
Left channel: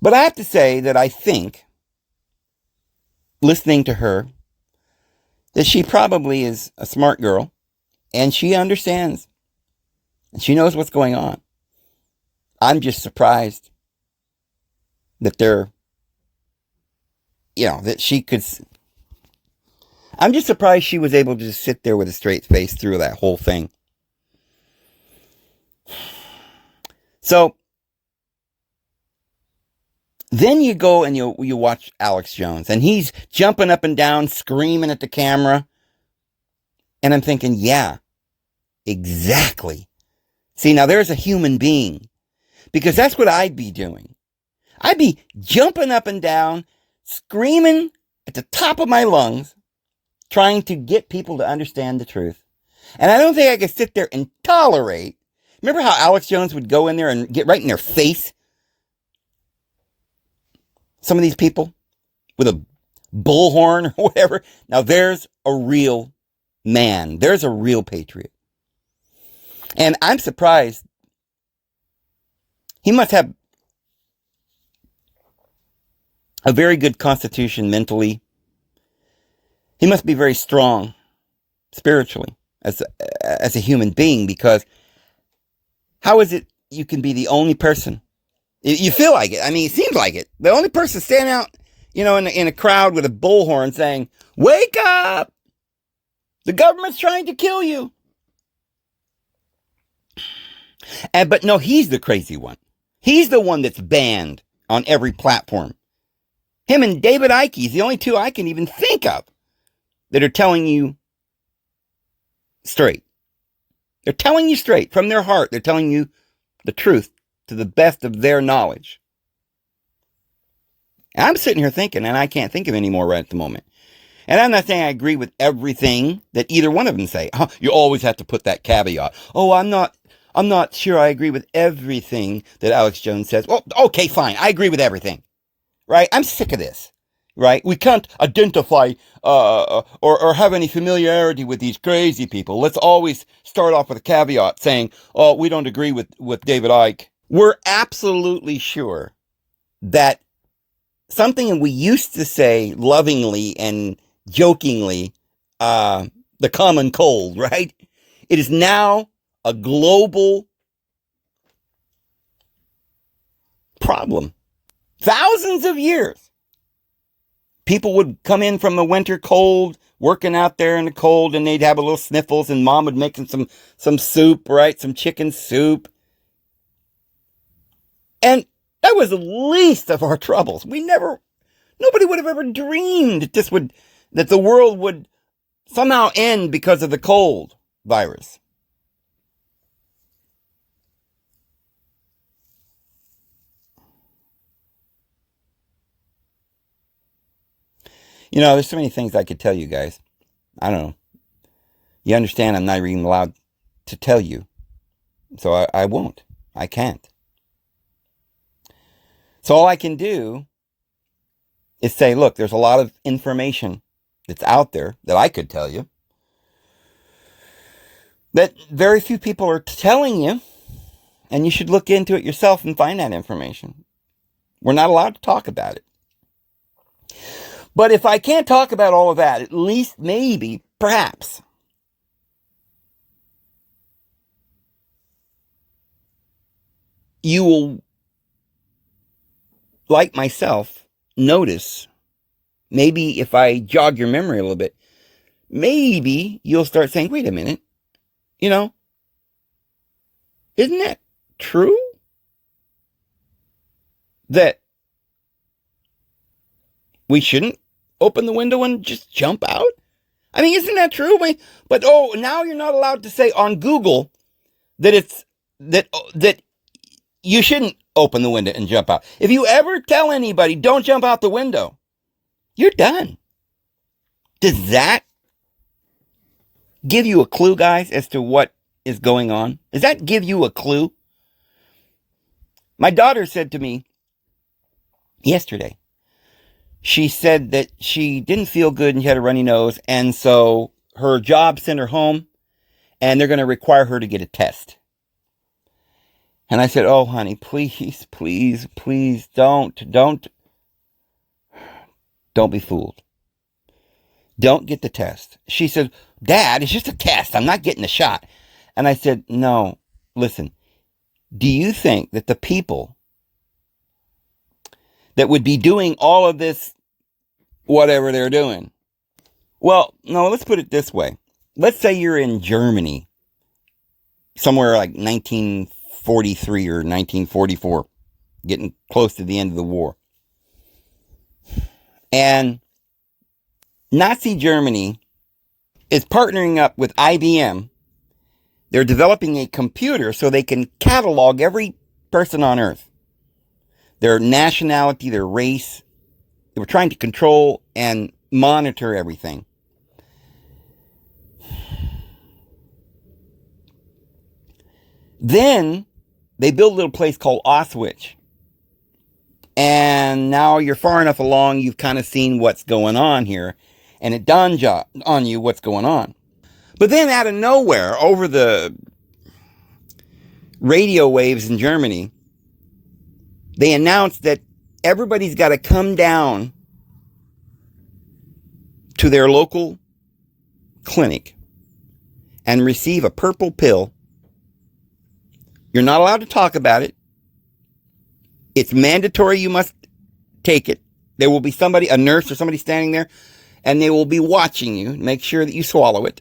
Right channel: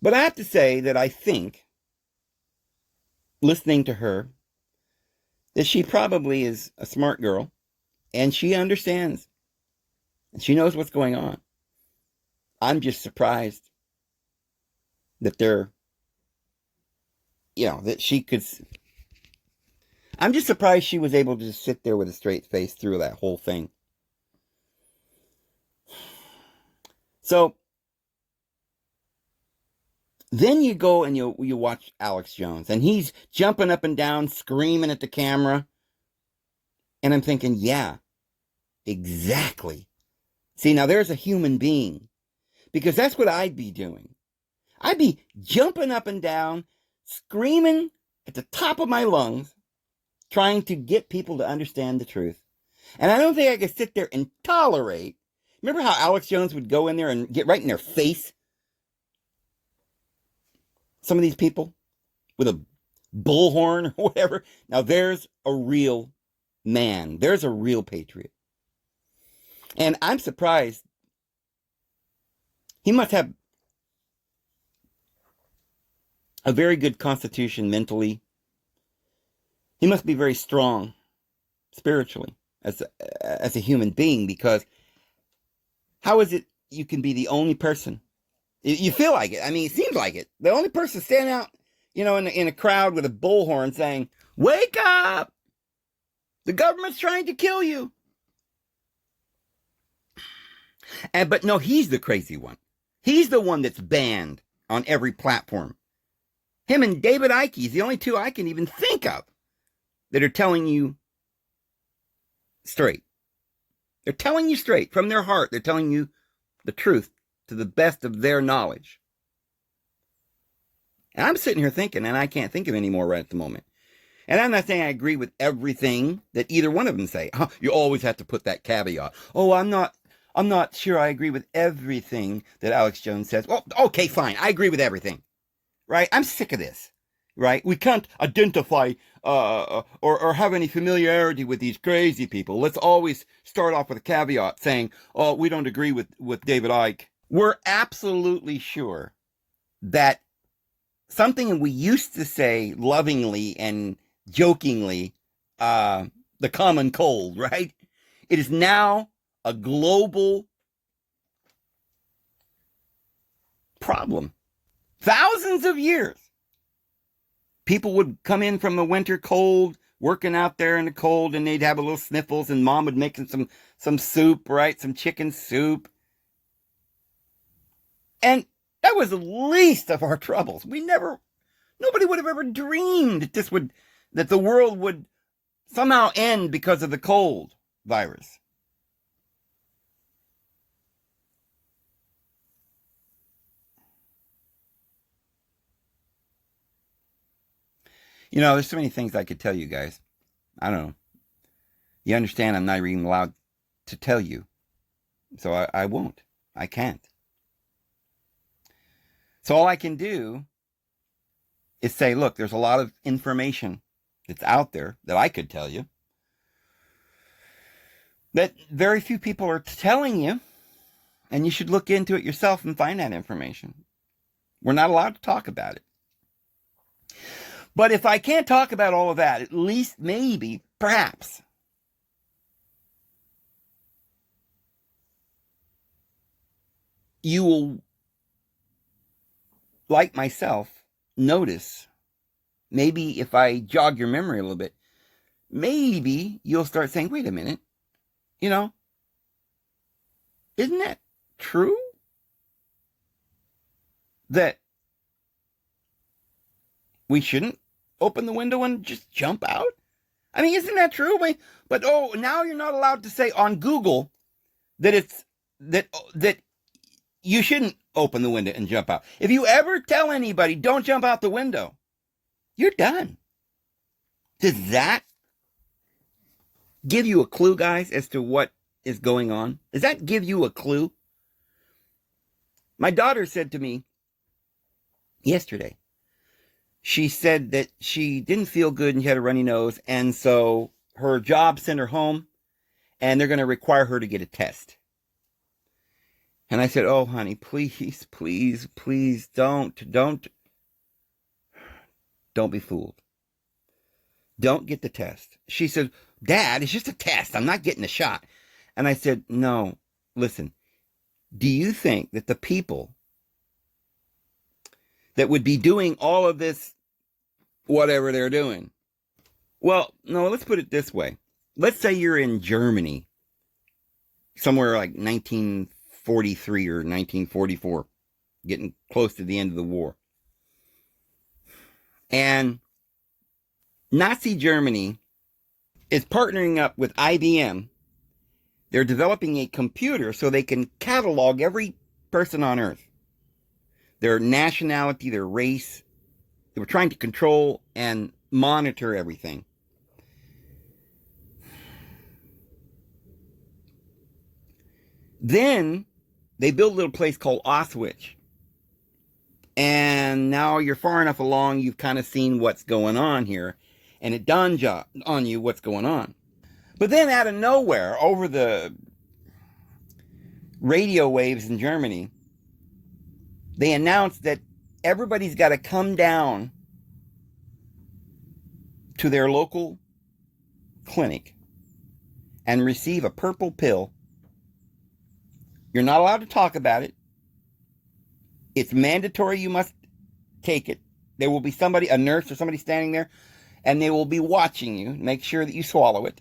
But I have to say that I think, listening to her, that she probably is a smart girl, and she understands, and she knows what's going on. I'm just surprised that that she could. I'm just surprised she was able to just sit there with a straight face through that whole thing. So then you go and you watch Alex Jones, and he's jumping up and down, screaming at the camera. And I'm thinking, yeah, exactly. See, now there's a human being, because that's what I'd be doing. I'd be jumping up and down, screaming at the top of my lungs, trying to get people to understand the truth. And I don't think I could sit there and tolerate. Remember how Alex Jones would go in there and get right in their face? Some of these people with a bullhorn or whatever. Now there's a real man. There's a real patriot. And I'm surprised. He must have a very good constitution mentally. He must be very strong spiritually as a human being, because how is it you can be the only person? You feel like it. I mean, it seems like it. The only person standing out, in a crowd with a bullhorn saying, "Wake up! The government's trying to kill you." But no, he's the crazy one. He's the one that's banned on every platform. Him and David Icke is the only two I can even think of that are telling you straight. They're telling you straight from their heart. They're telling you the truth to the best of their knowledge. And I'm sitting here thinking, and I can't think of any more right at the moment. And I'm not saying I agree with everything that either one of them say. You always have to put that caveat. Oh, I'm not sure I agree with everything that Alex Jones says. Well, okay, fine. I agree with everything. Right? I'm sick of this. Right? We can't identify or have any familiarity with these crazy people. Let's always start off with a caveat saying, oh, we don't agree with David Icke. We're absolutely sure that something we used to say lovingly and jokingly, the common cold, right? It is now a global problem. Thousands of years. People would come in from the winter cold, working out there in the cold, and they'd have a little sniffles, and mom would make them some soup, right? Some chicken soup. And that was the least of our troubles. Nobody would have ever dreamed that the world would somehow end because of the cold virus. There's so many things I could tell you guys. I don't know. You understand I'm not even allowed to tell you. So I won't. I can't. So all I can do is say, look, there's a lot of information that's out there that I could tell you that very few people are telling you, and you should look into it yourself and find that information. We're not allowed to talk about it. But if I can't talk about all of that, at least maybe, perhaps, you will, like myself, notice, maybe if I jog your memory a little bit, maybe you'll start saying, wait a minute, isn't that true? That we shouldn't open the window and just jump out? I mean, isn't that true? But now you're not allowed to say on Google that that you shouldn't open the window and jump out. If you ever tell anybody, don't jump out the window, you're done. Does that give you a clue, guys, as to what is going on? Does that give you a clue? My daughter said to me yesterday, she said that she didn't feel good and she had a runny nose, and so her job sent her home, and they're going to require her to get a test. And I said, oh, honey, please, please, please don't be fooled. Don't get the test. She said, Dad, it's just a test. I'm not getting the shot. And I said, no, listen, do you think that the people that would be doing all of this, whatever they're doing, well, no, let's put it this way. Let's say you're in Germany, somewhere like 1943 or 1944, getting close to the end of the war. And Nazi Germany is partnering up with IBM. They're developing a computer so they can catalog every person on Earth, their nationality, their race. They were trying to control and monitor everything. Then they built a little place called Auschwitz. And now you're far enough along, you've kind of seen what's going on here. And it dawns on you what's going on. But then out of nowhere, over the radio waves in Germany, they announced that everybody's got to come down to their local clinic and receive a purple pill. You're not allowed to talk about it. It's mandatory you must take it. There will be somebody, a nurse or somebody standing there, and they will be watching you, make sure that you swallow it.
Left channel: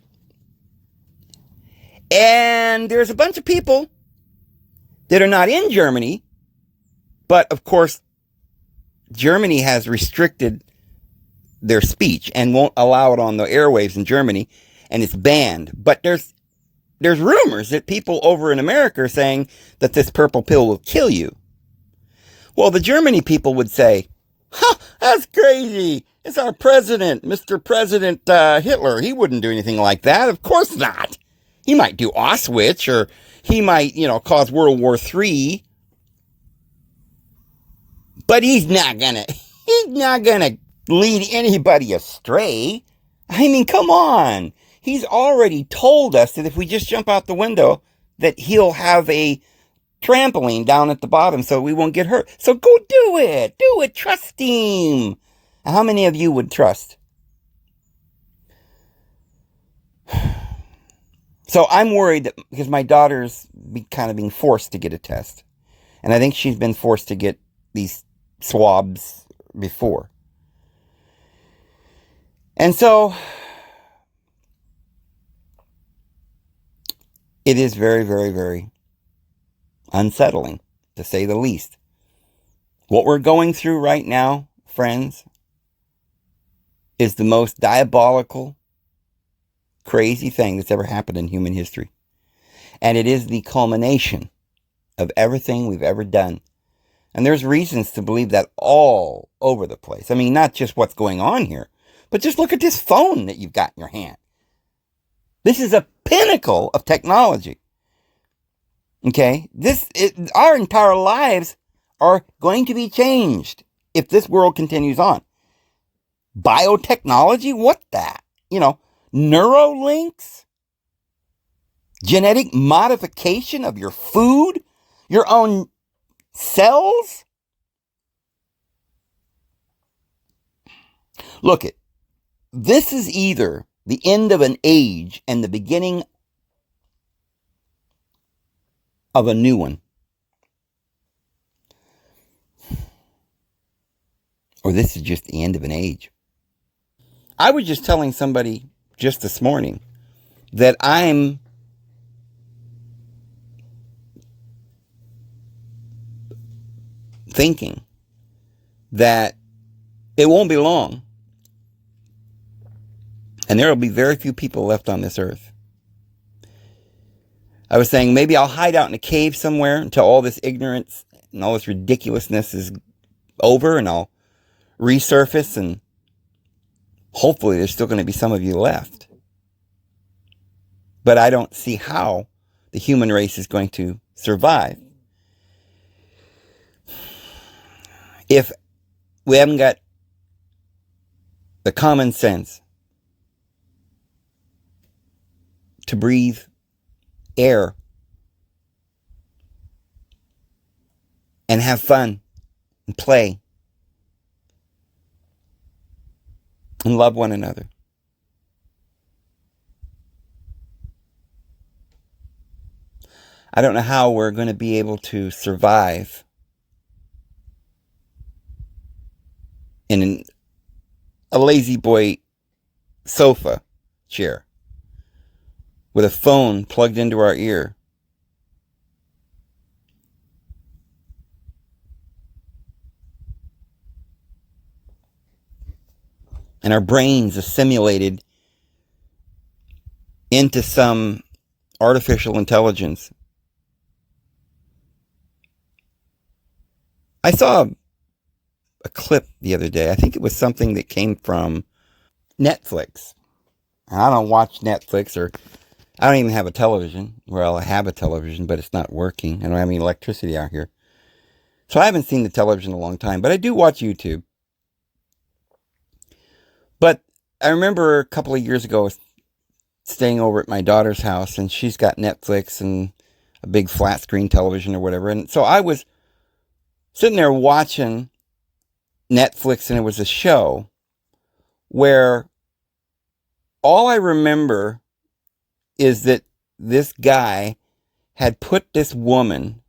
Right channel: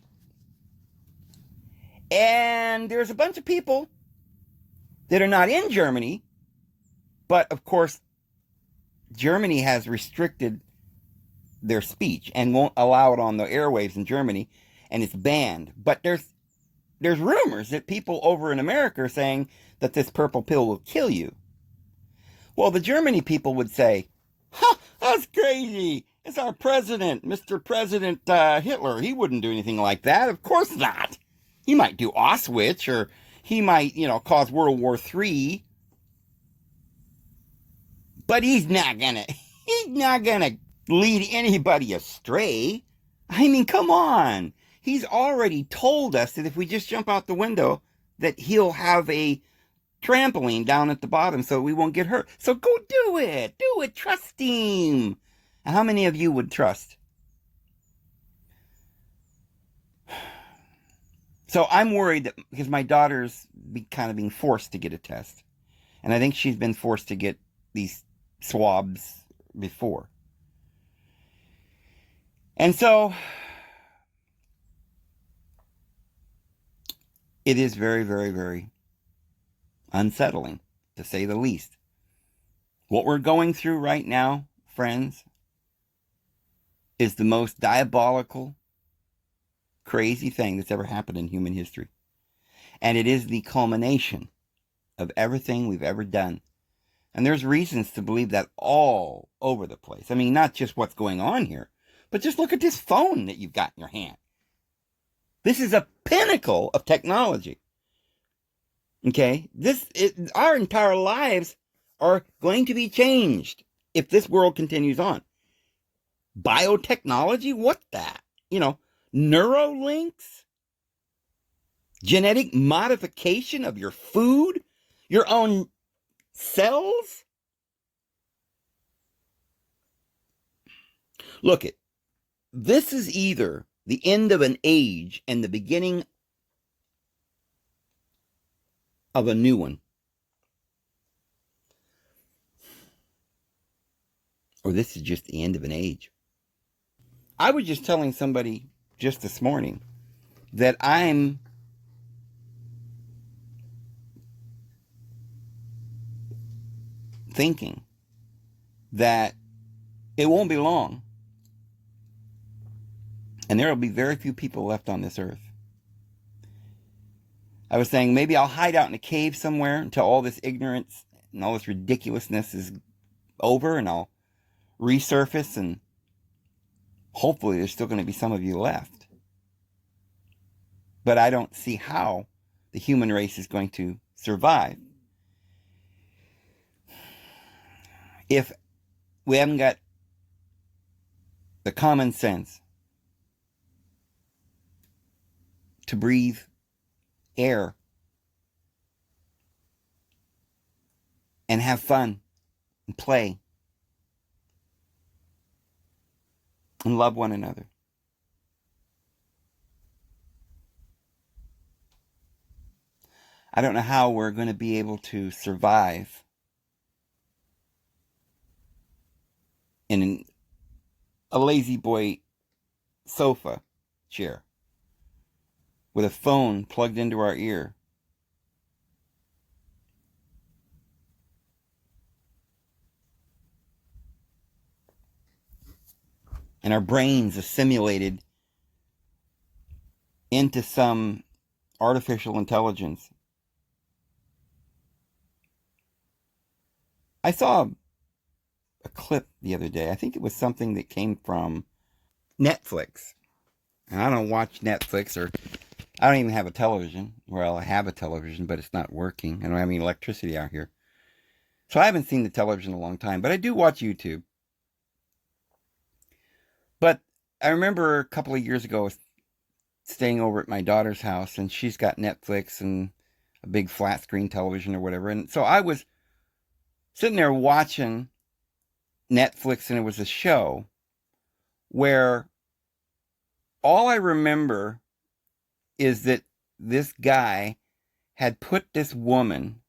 And there's a bunch of people that are not in Germany, but of course, Germany has restricted their speech and won't allow it on the airwaves in Germany, and it's banned. But there's rumors that people over in America are saying that this purple pill will kill you. Well, the Germany people would say, huh, that's crazy. It's our president, Mr. President Hitler. He wouldn't do anything like that. Of course not. He might do Auschwitz, or he might, cause World War III. But he's not gonna lead anybody astray. I mean, come on. He's already told us that if we just jump out the window, that he'll have a trampoline down at the bottom so we won't get hurt. So go do it. Do it. Trust him. How many of you would trust? So I'm worried that because my daughter's kind of being forced to get a test. And I think she's been forced to get these swabs before. And so it is very, very, very unsettling, to say the least. What we're going through right now, friends, is the most diabolical, crazy thing that's ever happened in human history. And it is the culmination of everything we've ever done. And there's reasons to believe that all over the place. I mean, not just what's going on here, but just look at this phone that you've got in your hand. This is a pinnacle of technology. Okay? Our entire lives are going to be changed if this world continues on. Biotechnology? What that? Neurolinks? Genetic modification of your food? Your own cells? Look it. This is either the end of an age and the beginning of a new one. Or this is just the end of an age. I was just telling somebody just this morning that I'm thinking that it won't be long and there will be very few people left on this earth. I was saying maybe I'll hide out in a cave somewhere until all this ignorance and all this ridiculousness is over, and I'll resurface, and hopefully there's still going to be some of you left. But I don't see how the human race is going to survive if we haven't got the common sense to breathe air and have fun and play and love one another. I don't know how we're going to be able to survive in a lazy boy sofa chair with a phone plugged into our ear. And our brains assimilated into some artificial intelligence. I saw a clip the other day. I think it was something that came from Netflix. And I don't watch Netflix, or I don't even have a television. Well, I have a television, but it's not working. I don't have any electricity out here. So I haven't seen the television in a long time, but I do watch YouTube. But I remember a couple of years ago staying over at my daughter's house, and she's got Netflix and a big flat screen television or whatever. And so I was sitting there watching Netflix, and it was a show where all I remember is that this guy had put this woman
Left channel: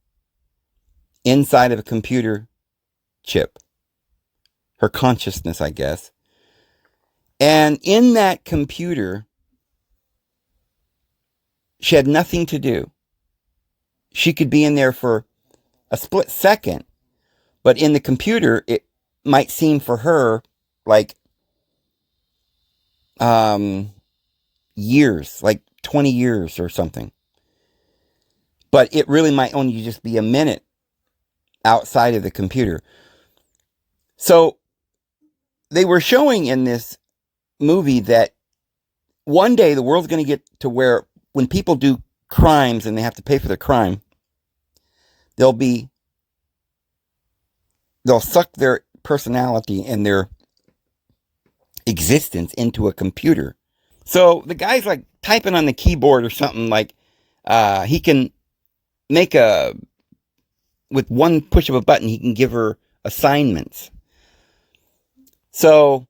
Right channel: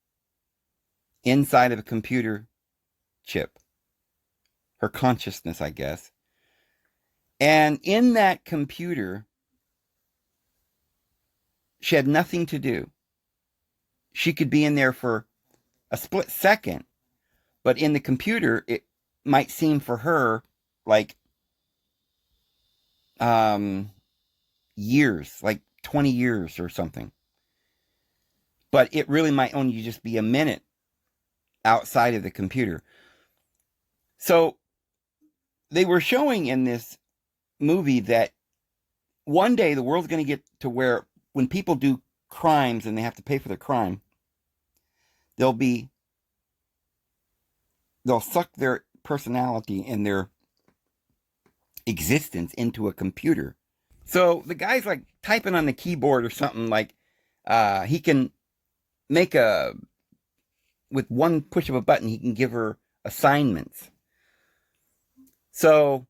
inside of a computer chip, her consciousness, I guess. And in that computer, she had nothing to do. She could be in there for a split second, but in the computer, it might seem for her like years, like 20 years or something. But it really might only just be a minute outside of the computer. So they were showing in this movie that one day the world's going to get to where when people do crimes and they have to pay for their crime, they'll suck their personality and their existence into a computer. So the guy's like typing on the keyboard or something, like he can make with one push of a button, he can give her assignments. So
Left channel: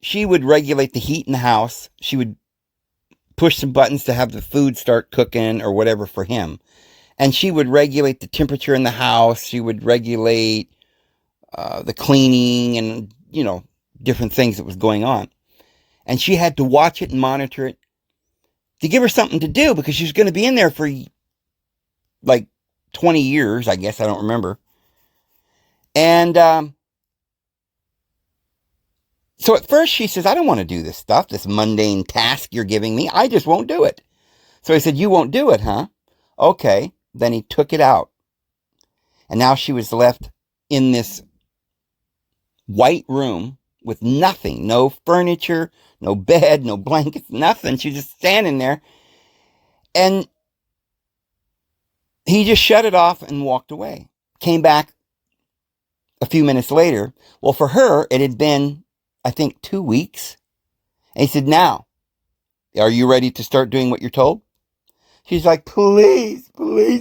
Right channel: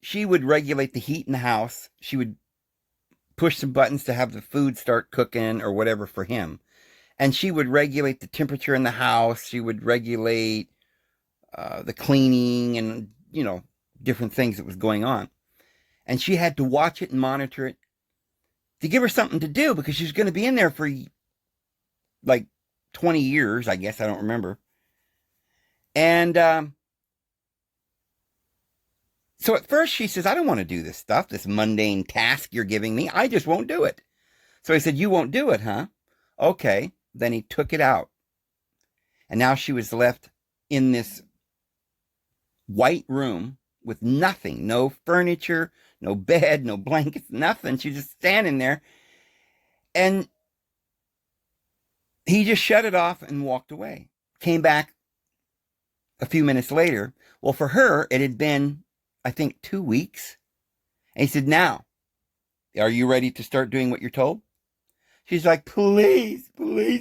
she would regulate the heat in the house. She would push some buttons to have the food start cooking or whatever for him. And she would regulate the temperature in the house. She would regulate the cleaning and, different things that was going on. And she had to watch it and monitor it to give her something to do because she was going to be in there for like 20 years, I guess. I don't remember. And so at first she says, I don't want to do this stuff, this mundane task you're giving me. I just won't do it. So I said, you won't do it, huh? Okay. Then he took it out. And now she was left in this white room with nothing, no furniture, no bed, no blankets, nothing. She's just standing there. And he just shut it off and walked away. Came back a few minutes later. Well, for her, it had been, I think, 2 weeks. And he said, now, are you ready to start doing what you're told? She's like, please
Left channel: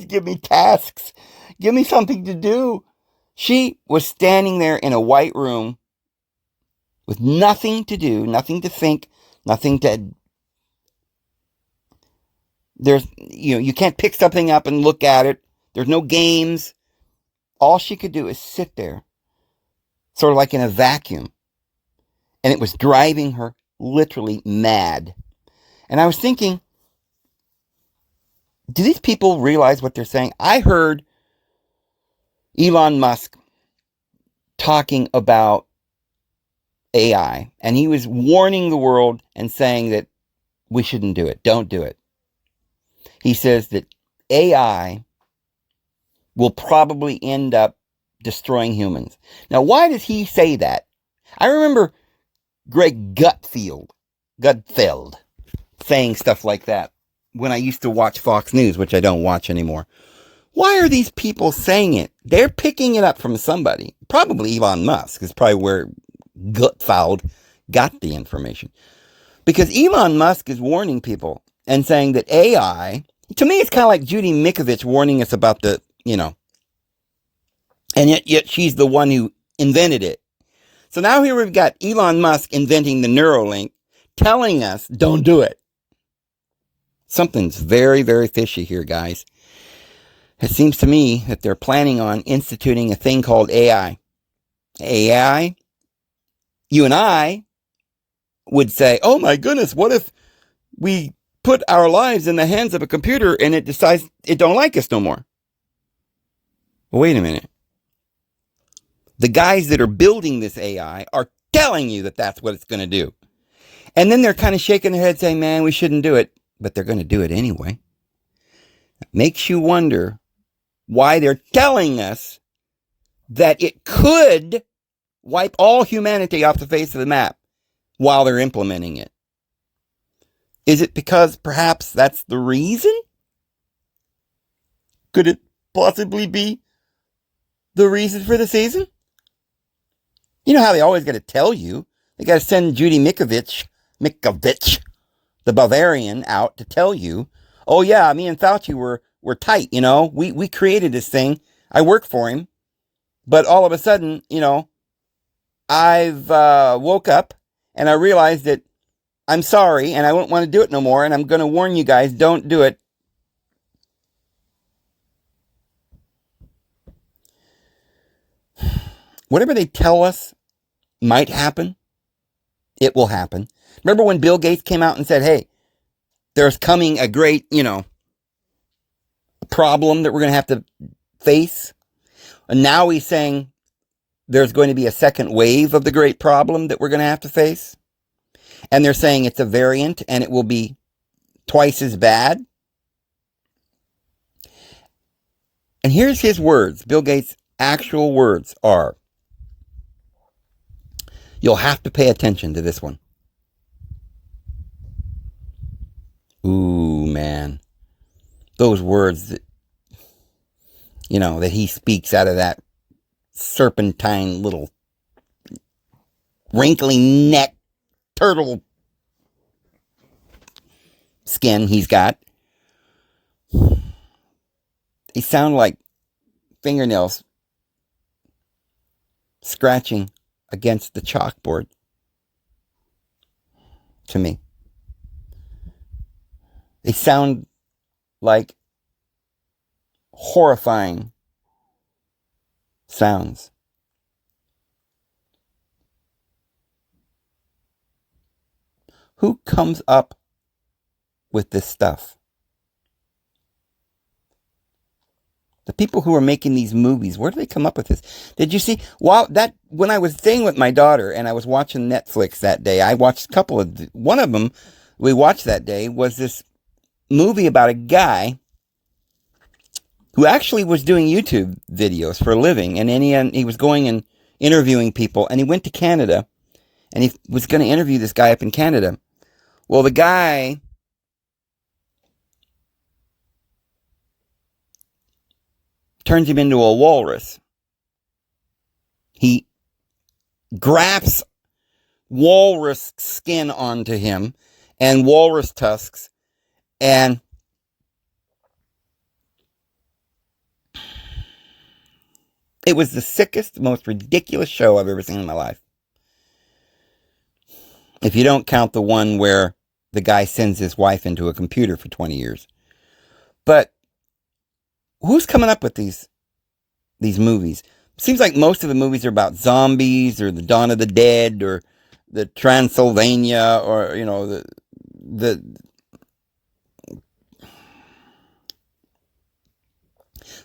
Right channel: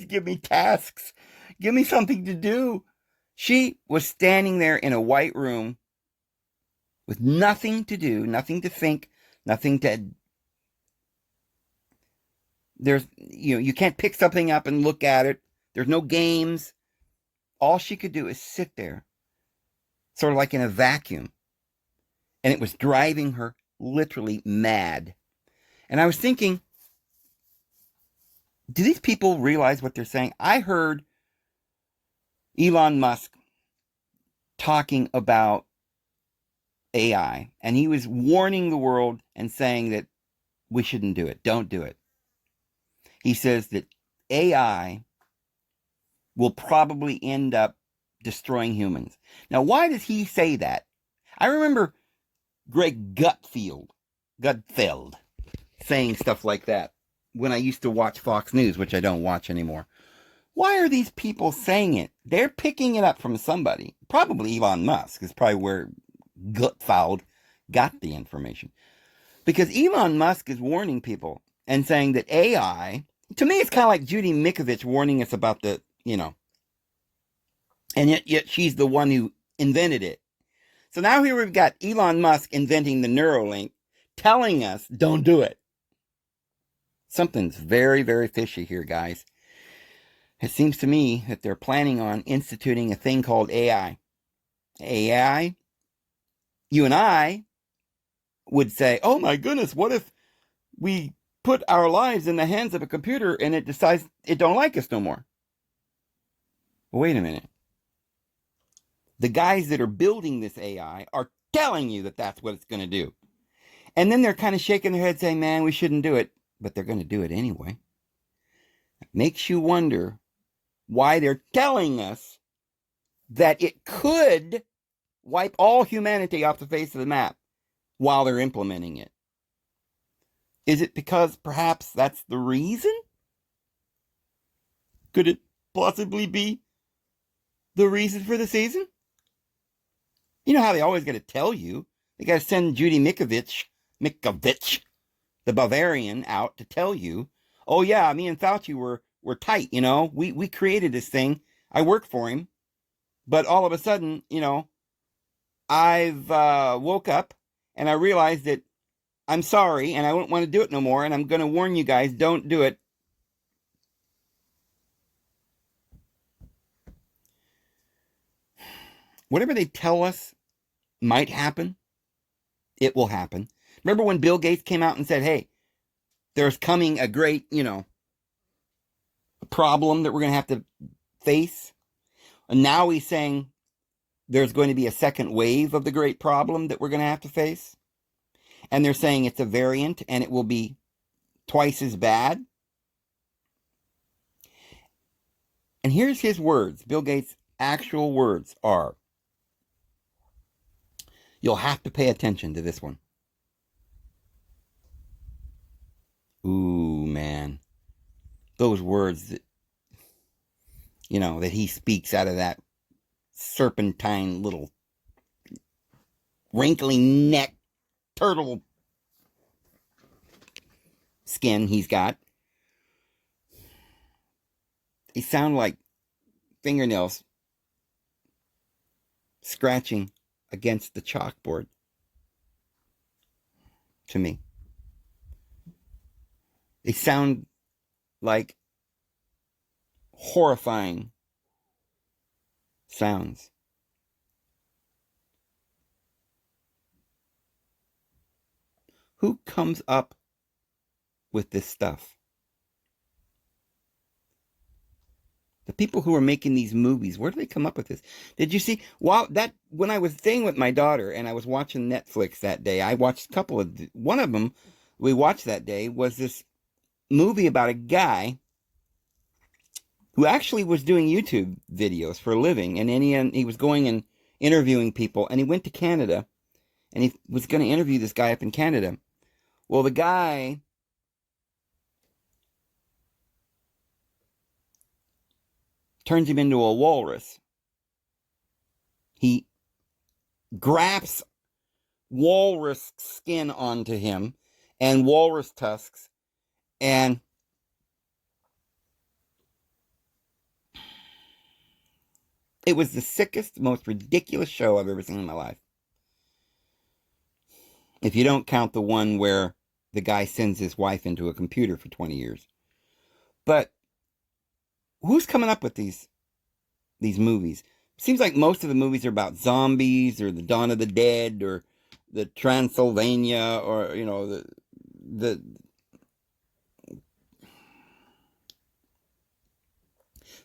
give me tasks. Give me something to do. She was standing there in a white room with nothing to do, nothing to think, nothing to... you can't pick something up and look at it. There's no games. All she could do is sit there, sort of like in a vacuum. And it was driving her literally mad. And I was thinking, do these people realize what they're saying? I heard Elon Musk talking about AI, and he was warning the world and saying that we shouldn't do it. Don't do it. He says that AI will probably end up destroying humans. Now, why does he say that? I remember Greg Gutfeld saying stuff like that when I used to watch Fox News, which I don't watch anymore. Why are these people saying it? They're picking it up from somebody. Probably Elon Musk is probably where Gutfeld got the information. Because Elon Musk is warning people and saying that AI, to me, it's kind of like Judy Mikovits warning us about the, and yet she's the one who invented it. So now here we've got Elon Musk inventing the Neuralink, telling us, don't do it. Something's very, very fishy here, guys. It seems to me that they're planning on instituting a thing called AI. AI, you and I would say, oh my goodness, what if we put our lives in the hands of a computer and it decides it don't like us no more? Well, wait a minute. The guys that are building this AI are telling you that that's what it's going to do. And then they're kind of shaking their head saying, man, we shouldn't do it. But they're going to do it anyway. It makes you wonder why they're telling us that it could wipe all humanity off the face of the map while they're implementing it. Is it because perhaps that's the reason? Could it possibly be the reason for the season? You know how they always got to tell you. They got to send Judy Mikovits, the Bavarian, out to tell you, oh yeah, me and Fauci were tight, We created this thing. I work for him. But all of a sudden, I've woke up and I realized that I'm sorry and I won't want to do it no more. And I'm going to warn you guys, don't do it. Whatever they tell us might happen, it will happen. Remember when Bill Gates came out and said, hey, there's coming a great, problem that we're going to have to face. And now he's saying there's going to be a second wave of the great problem that we're going to have to face. And they're saying it's a variant and it will be twice as bad. And here's his words. Bill Gates' actual words are, you'll have to pay attention to this one. Ooh, man. Those words that, that he speaks out of that serpentine little wrinkly neck turtle skin he's got. They sound like fingernails scratching against the chalkboard to me. They sound like horrifying sounds. Who comes up with this stuff? The people who are making these movies, where do they come up with this? Did you see? When I was staying with my daughter and I was watching Netflix that day, I watched a couple of, one of them we watched that day was this movie about a guy who actually was doing YouTube videos for a living. And then he was going and interviewing people, and he went to Canada and he was going to interview this guy up in Canada. Well, the guy turns him into a walrus. He grafts walrus skin onto him and walrus tusks, and it was the sickest, most ridiculous show I've ever seen in my life. If you don't count the one where the guy sends his wife into a computer for 20 years. But who's coming up with these movies? It seems like most of the movies are about zombies or the Dawn of the Dead or the Transylvania or, the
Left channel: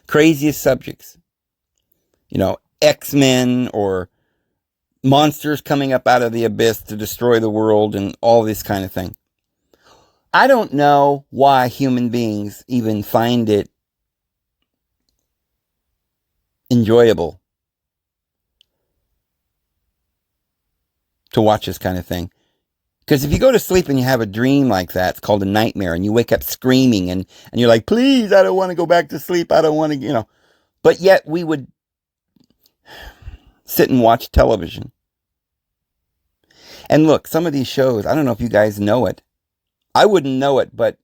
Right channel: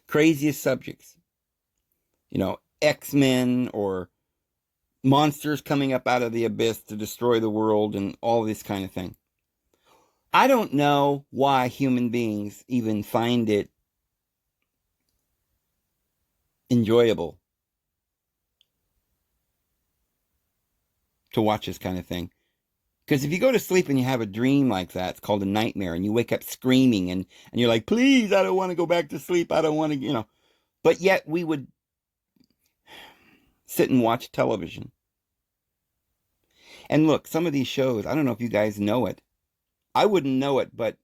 craziest subjects. X-Men or monsters coming up out of the abyss to destroy the world and all this kind of thing. I don't know why human beings even find it enjoyable to watch this kind of thing. Because if you go to sleep and you have a dream like that, it's called a nightmare, and you wake up screaming and you're like, please, I don't want to go back to sleep. I don't want to, But yet we would sit and watch television. And look, some of these shows, I don't know if you guys know it. I wouldn't know it, but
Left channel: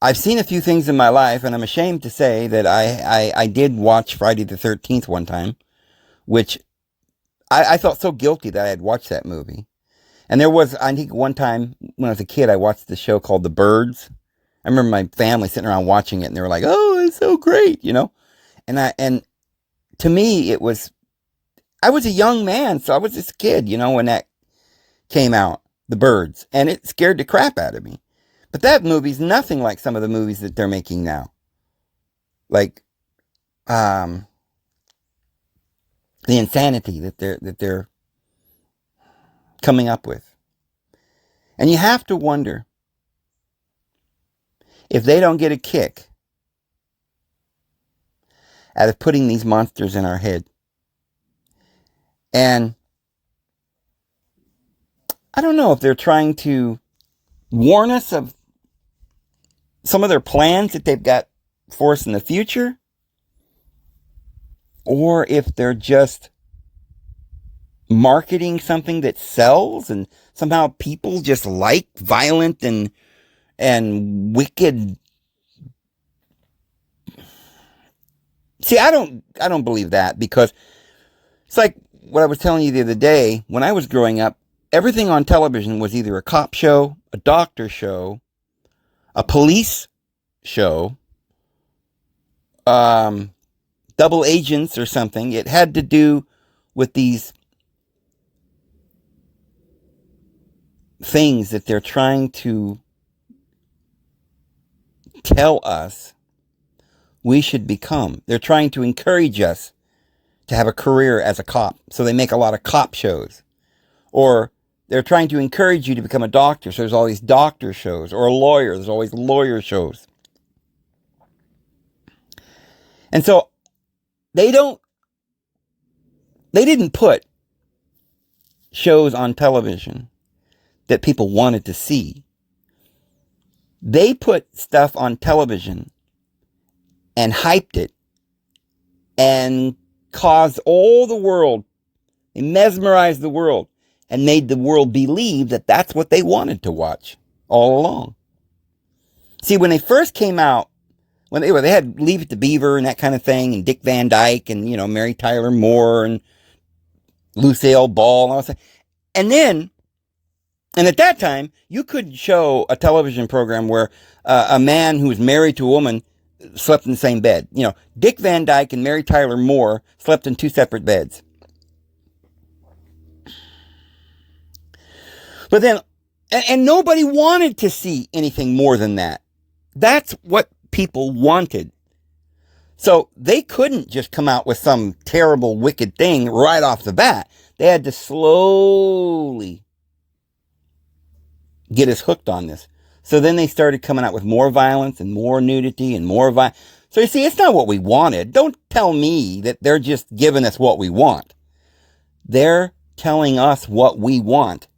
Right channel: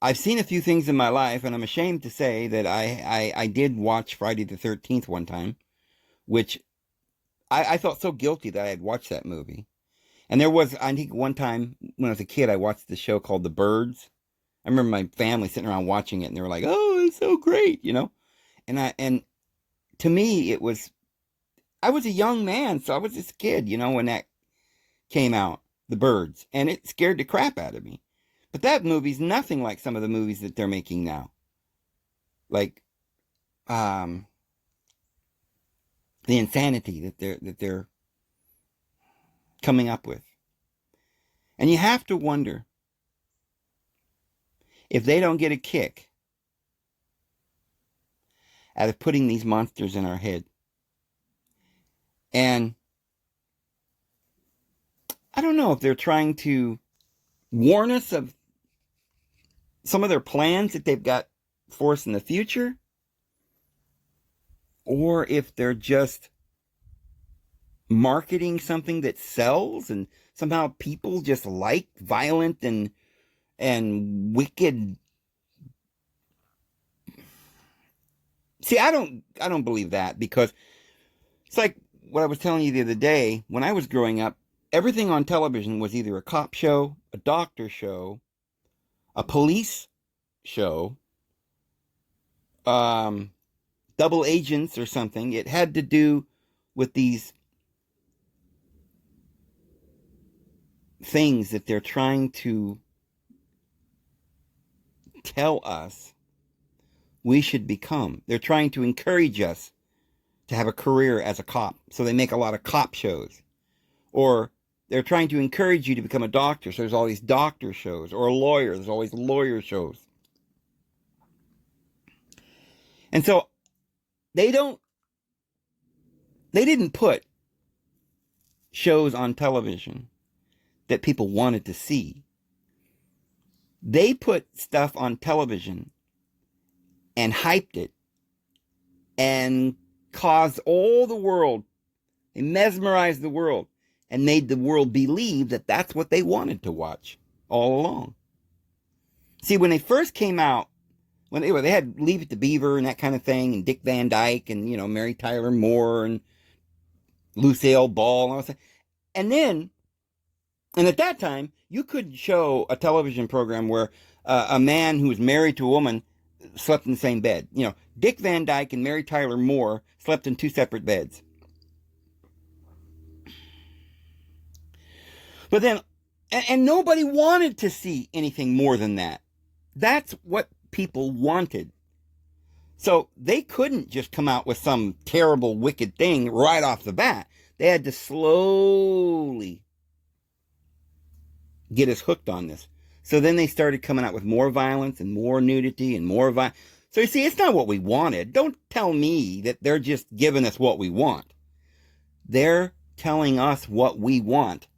I've seen a few things in my life, and I'm ashamed to say that I did watch Friday the 13th one time, which I felt so guilty that I had watched that movie. And there was, I think one time when I was a kid, I watched the show called The Birds. I remember my family sitting around watching it, and they were like, oh, it's so great, And to me, I was a young man, so I was this kid, when that came out, The Birds, and it scared the crap out of me. But that movie's nothing like some of the movies that they're making now. Like, the insanity that they're coming up with. And you have to wonder if they don't get a kick out of putting these monsters in our head. And I don't know if they're trying to warn us of some of their plans that they've got for us in the future, or if they're just marketing something that sells and somehow people just like violent and wicked. See, I don't believe that, because it's like what I was telling you the other day, when I was growing up, everything on television was either a cop show, a doctor show, a police show, double agents or something. It had to do with these things that they're trying to tell us we should become. They're trying to encourage us to have a career as a cop. So they make a lot of cop shows. Or they're trying to encourage you to become a doctor. So there's all these doctor shows. Or a lawyer. There's always lawyer shows. And so they didn't put shows on television that people wanted to see. They put stuff on television and hyped it and caused all the world, they mesmerized the world and made the world believe that that's what they wanted to watch all along. See, when they first came out, when they had Leave It to Beaver and that kind of thing, and Dick Van Dyke and, Mary Tyler Moore and Lucille Ball and all that. And at that time, you could show a television program where a man who was married to a woman slept in the same bed. Dick Van Dyke and Mary Tyler Moore slept in 2 separate beds. But then, and nobody wanted to see anything more than that. That's what people wanted. So they couldn't just come out with some terrible, wicked thing right off the bat. They had to slowly get us hooked on this. So then they started coming out with more violence and more nudity and more violence. So you see, it's not what we wanted. Don't tell me that they're just giving us what we want. They're telling us what we want.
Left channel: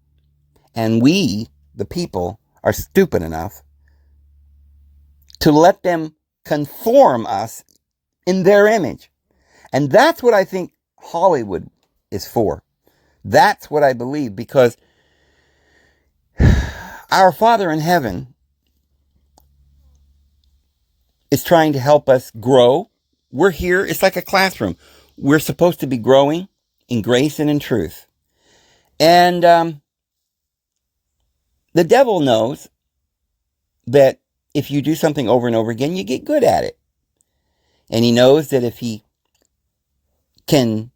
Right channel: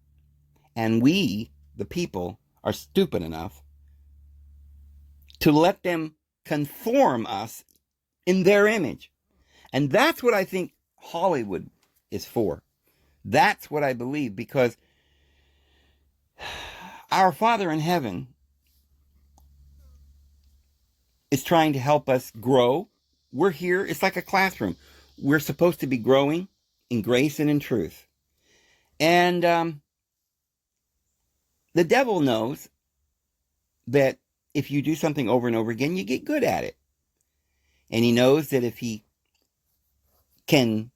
And we, the people, are stupid enough to let them conform us in their image. And that's what I think Hollywood is for. That's what I believe, because our Father in heaven is trying to help us grow. We're here. It's like a classroom. We're supposed to be growing in grace and in truth. And the devil knows that if you do something over and over again, you get good at it. And he knows that if he can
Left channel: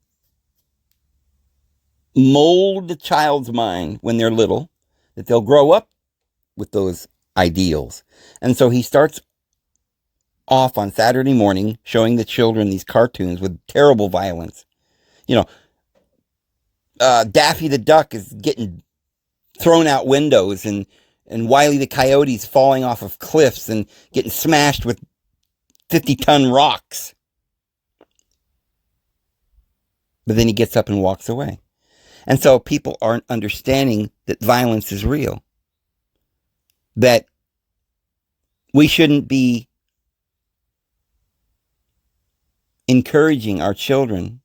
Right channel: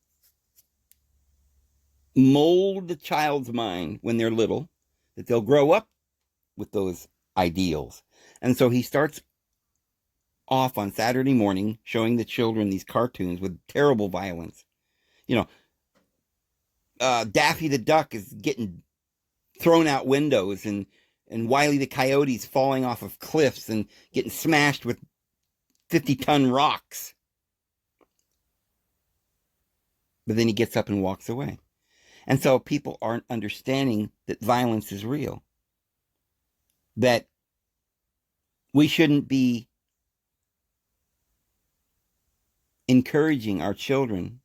mold the child's mind when they're little, that they'll grow up with those ideals. And so he starts off on Saturday morning showing the children these cartoons with terrible violence. Daffy the Duck is getting thrown out windows, and Wile E. the Coyote's falling off of cliffs and getting smashed with 50-ton rocks. But then he gets up and walks away. And so people aren't understanding that violence is real. That we shouldn't be encouraging our children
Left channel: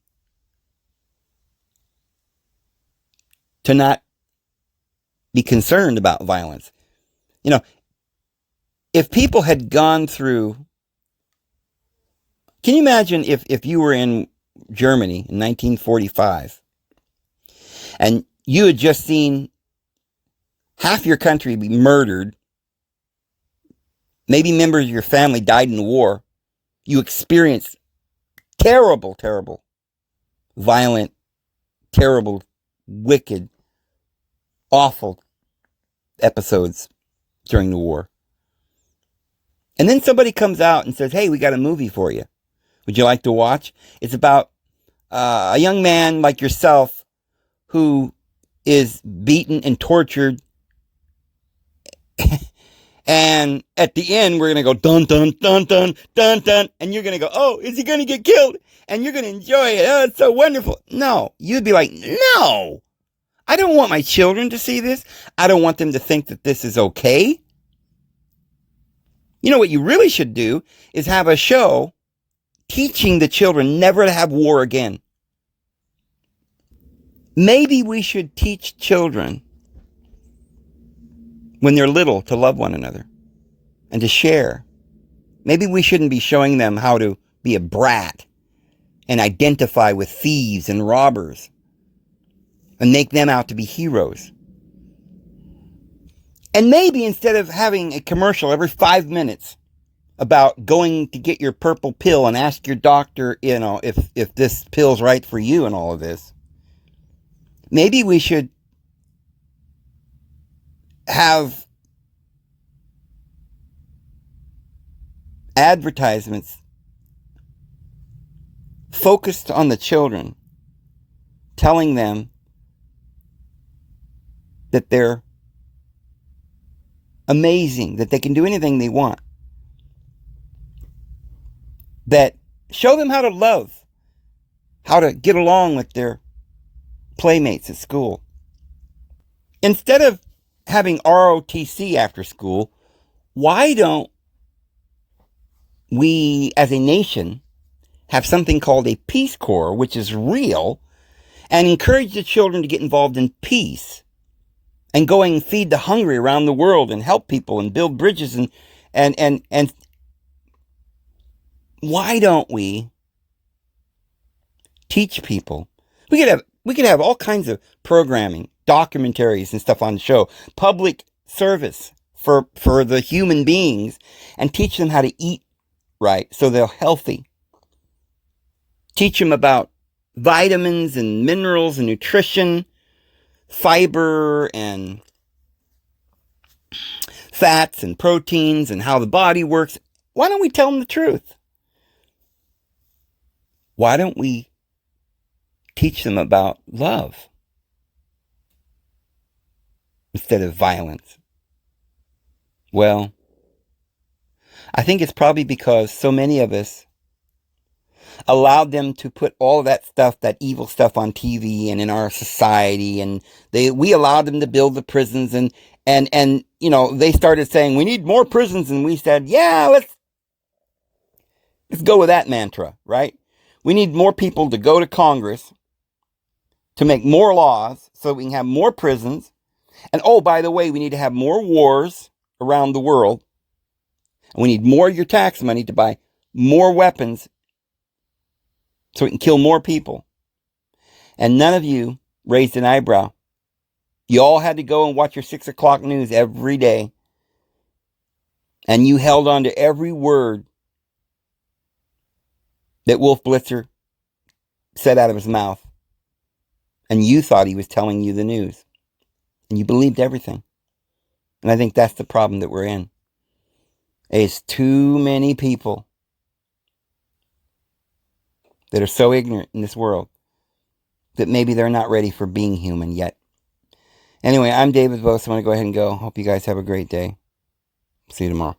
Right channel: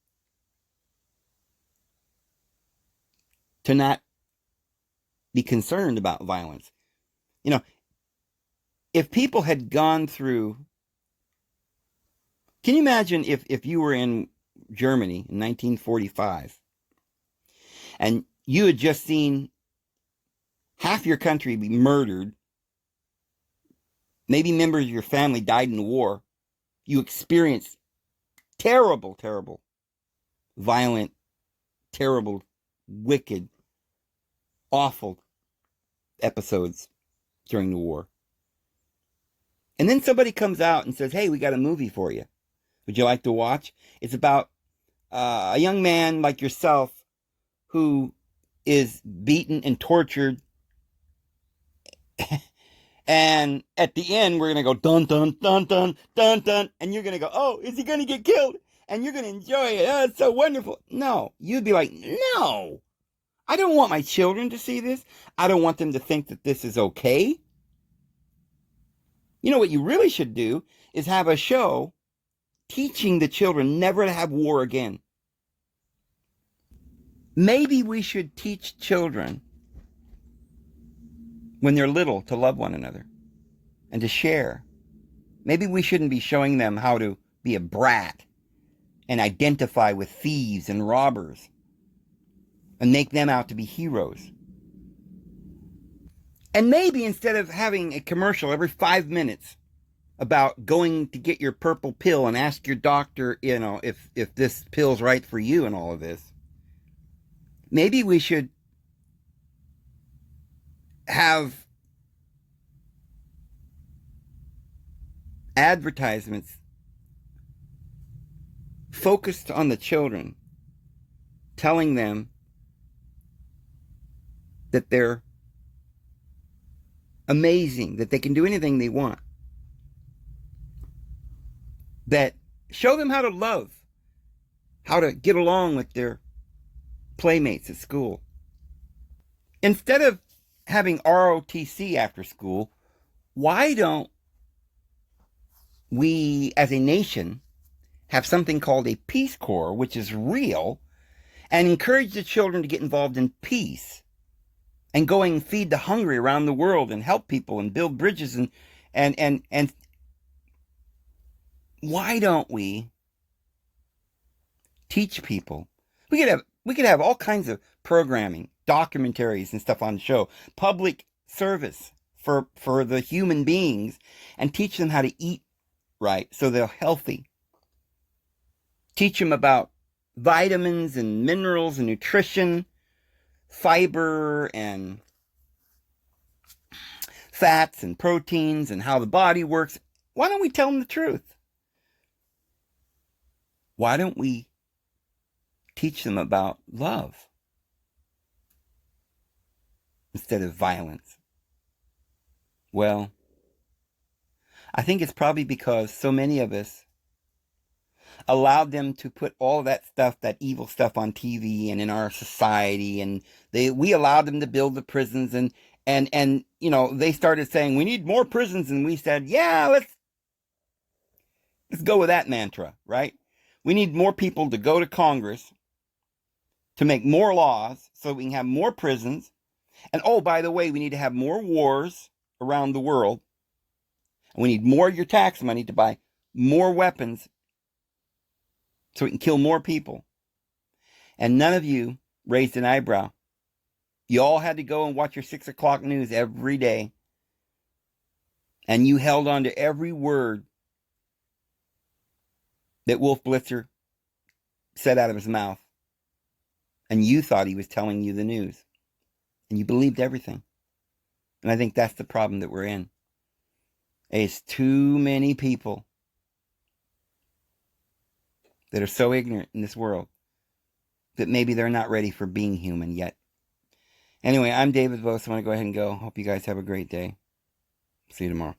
to not be concerned about violence. If people had gone through... Can you imagine if you were in Germany in 1945 and you had just seen half your country be murdered, maybe members of your family died in the war, you experienced terrible, terrible, violent, terrible, wicked, awful episodes during the war. And then somebody comes out and says, hey, we got a movie for you. Would you like to watch? It's about a young man like yourself who is beaten and tortured. And at the end, we're going to go dun, dun, dun, dun, dun, dun. And you're going to go, oh, is he going to get killed? And you're going to enjoy it. Oh, it's so wonderful. No, you'd be like, no, I don't want my children to see this. I don't want them to think that this is okay. You know what you really should do is have a show teaching the children never to have war again. Maybe we should teach children when they're little to love one another and to share. Maybe we shouldn't be showing them how to be a brat and identify with thieves and robbers. and make them out to be heroes. And maybe instead of having a commercial every 5 minutes about going to get your purple pill and ask your doctor, if this pill's right for you and all of this, maybe we should have advertisements focused on the children, telling them that they're amazing, that they can do anything they want, that show them how to love, how to get along with their playmates at school. Instead of having ROTC after school, why don't we as a nation have something called a Peace Corps, which is real, and encourage the children to get involved in peace and go and feed the hungry around the world and help people and build bridges and why don't we teach people? We could have all kinds of programming, documentaries and stuff on the show, public service for the human beings, and teach them how to eat right so they're healthy. Teach them about vitamins and minerals and nutrition, fiber and fats and proteins and how the body works. Why don't we tell them the truth? Why don't we teach them about love instead of violence? Well, I think it's probably because so many of us allowed them to put all of that stuff, that evil stuff on TV and in our society, and we allowed them to build the prisons, and they started saying we need more prisons, and we said, yeah, let's go with that mantra, right? We need more people to go to Congress to make more laws so we can have more prisons. And oh, by the way, we need to have more wars around the world. And we need more of your tax money to buy more weapons so we can kill more people. And none of you raised an eyebrow. You all had to go and watch your 6 o'clock news every day. And you held on to every word that Wolf Blitzer said out of his mouth. And you thought he was telling you the news. And you believed everything. And I think that's the problem that we're in. It's too many people that are so ignorant in this world that maybe they're not ready for being human yet. Anyway, I'm David Vos. I'm going to go ahead and go. Hope you guys have a great day. See you tomorrow.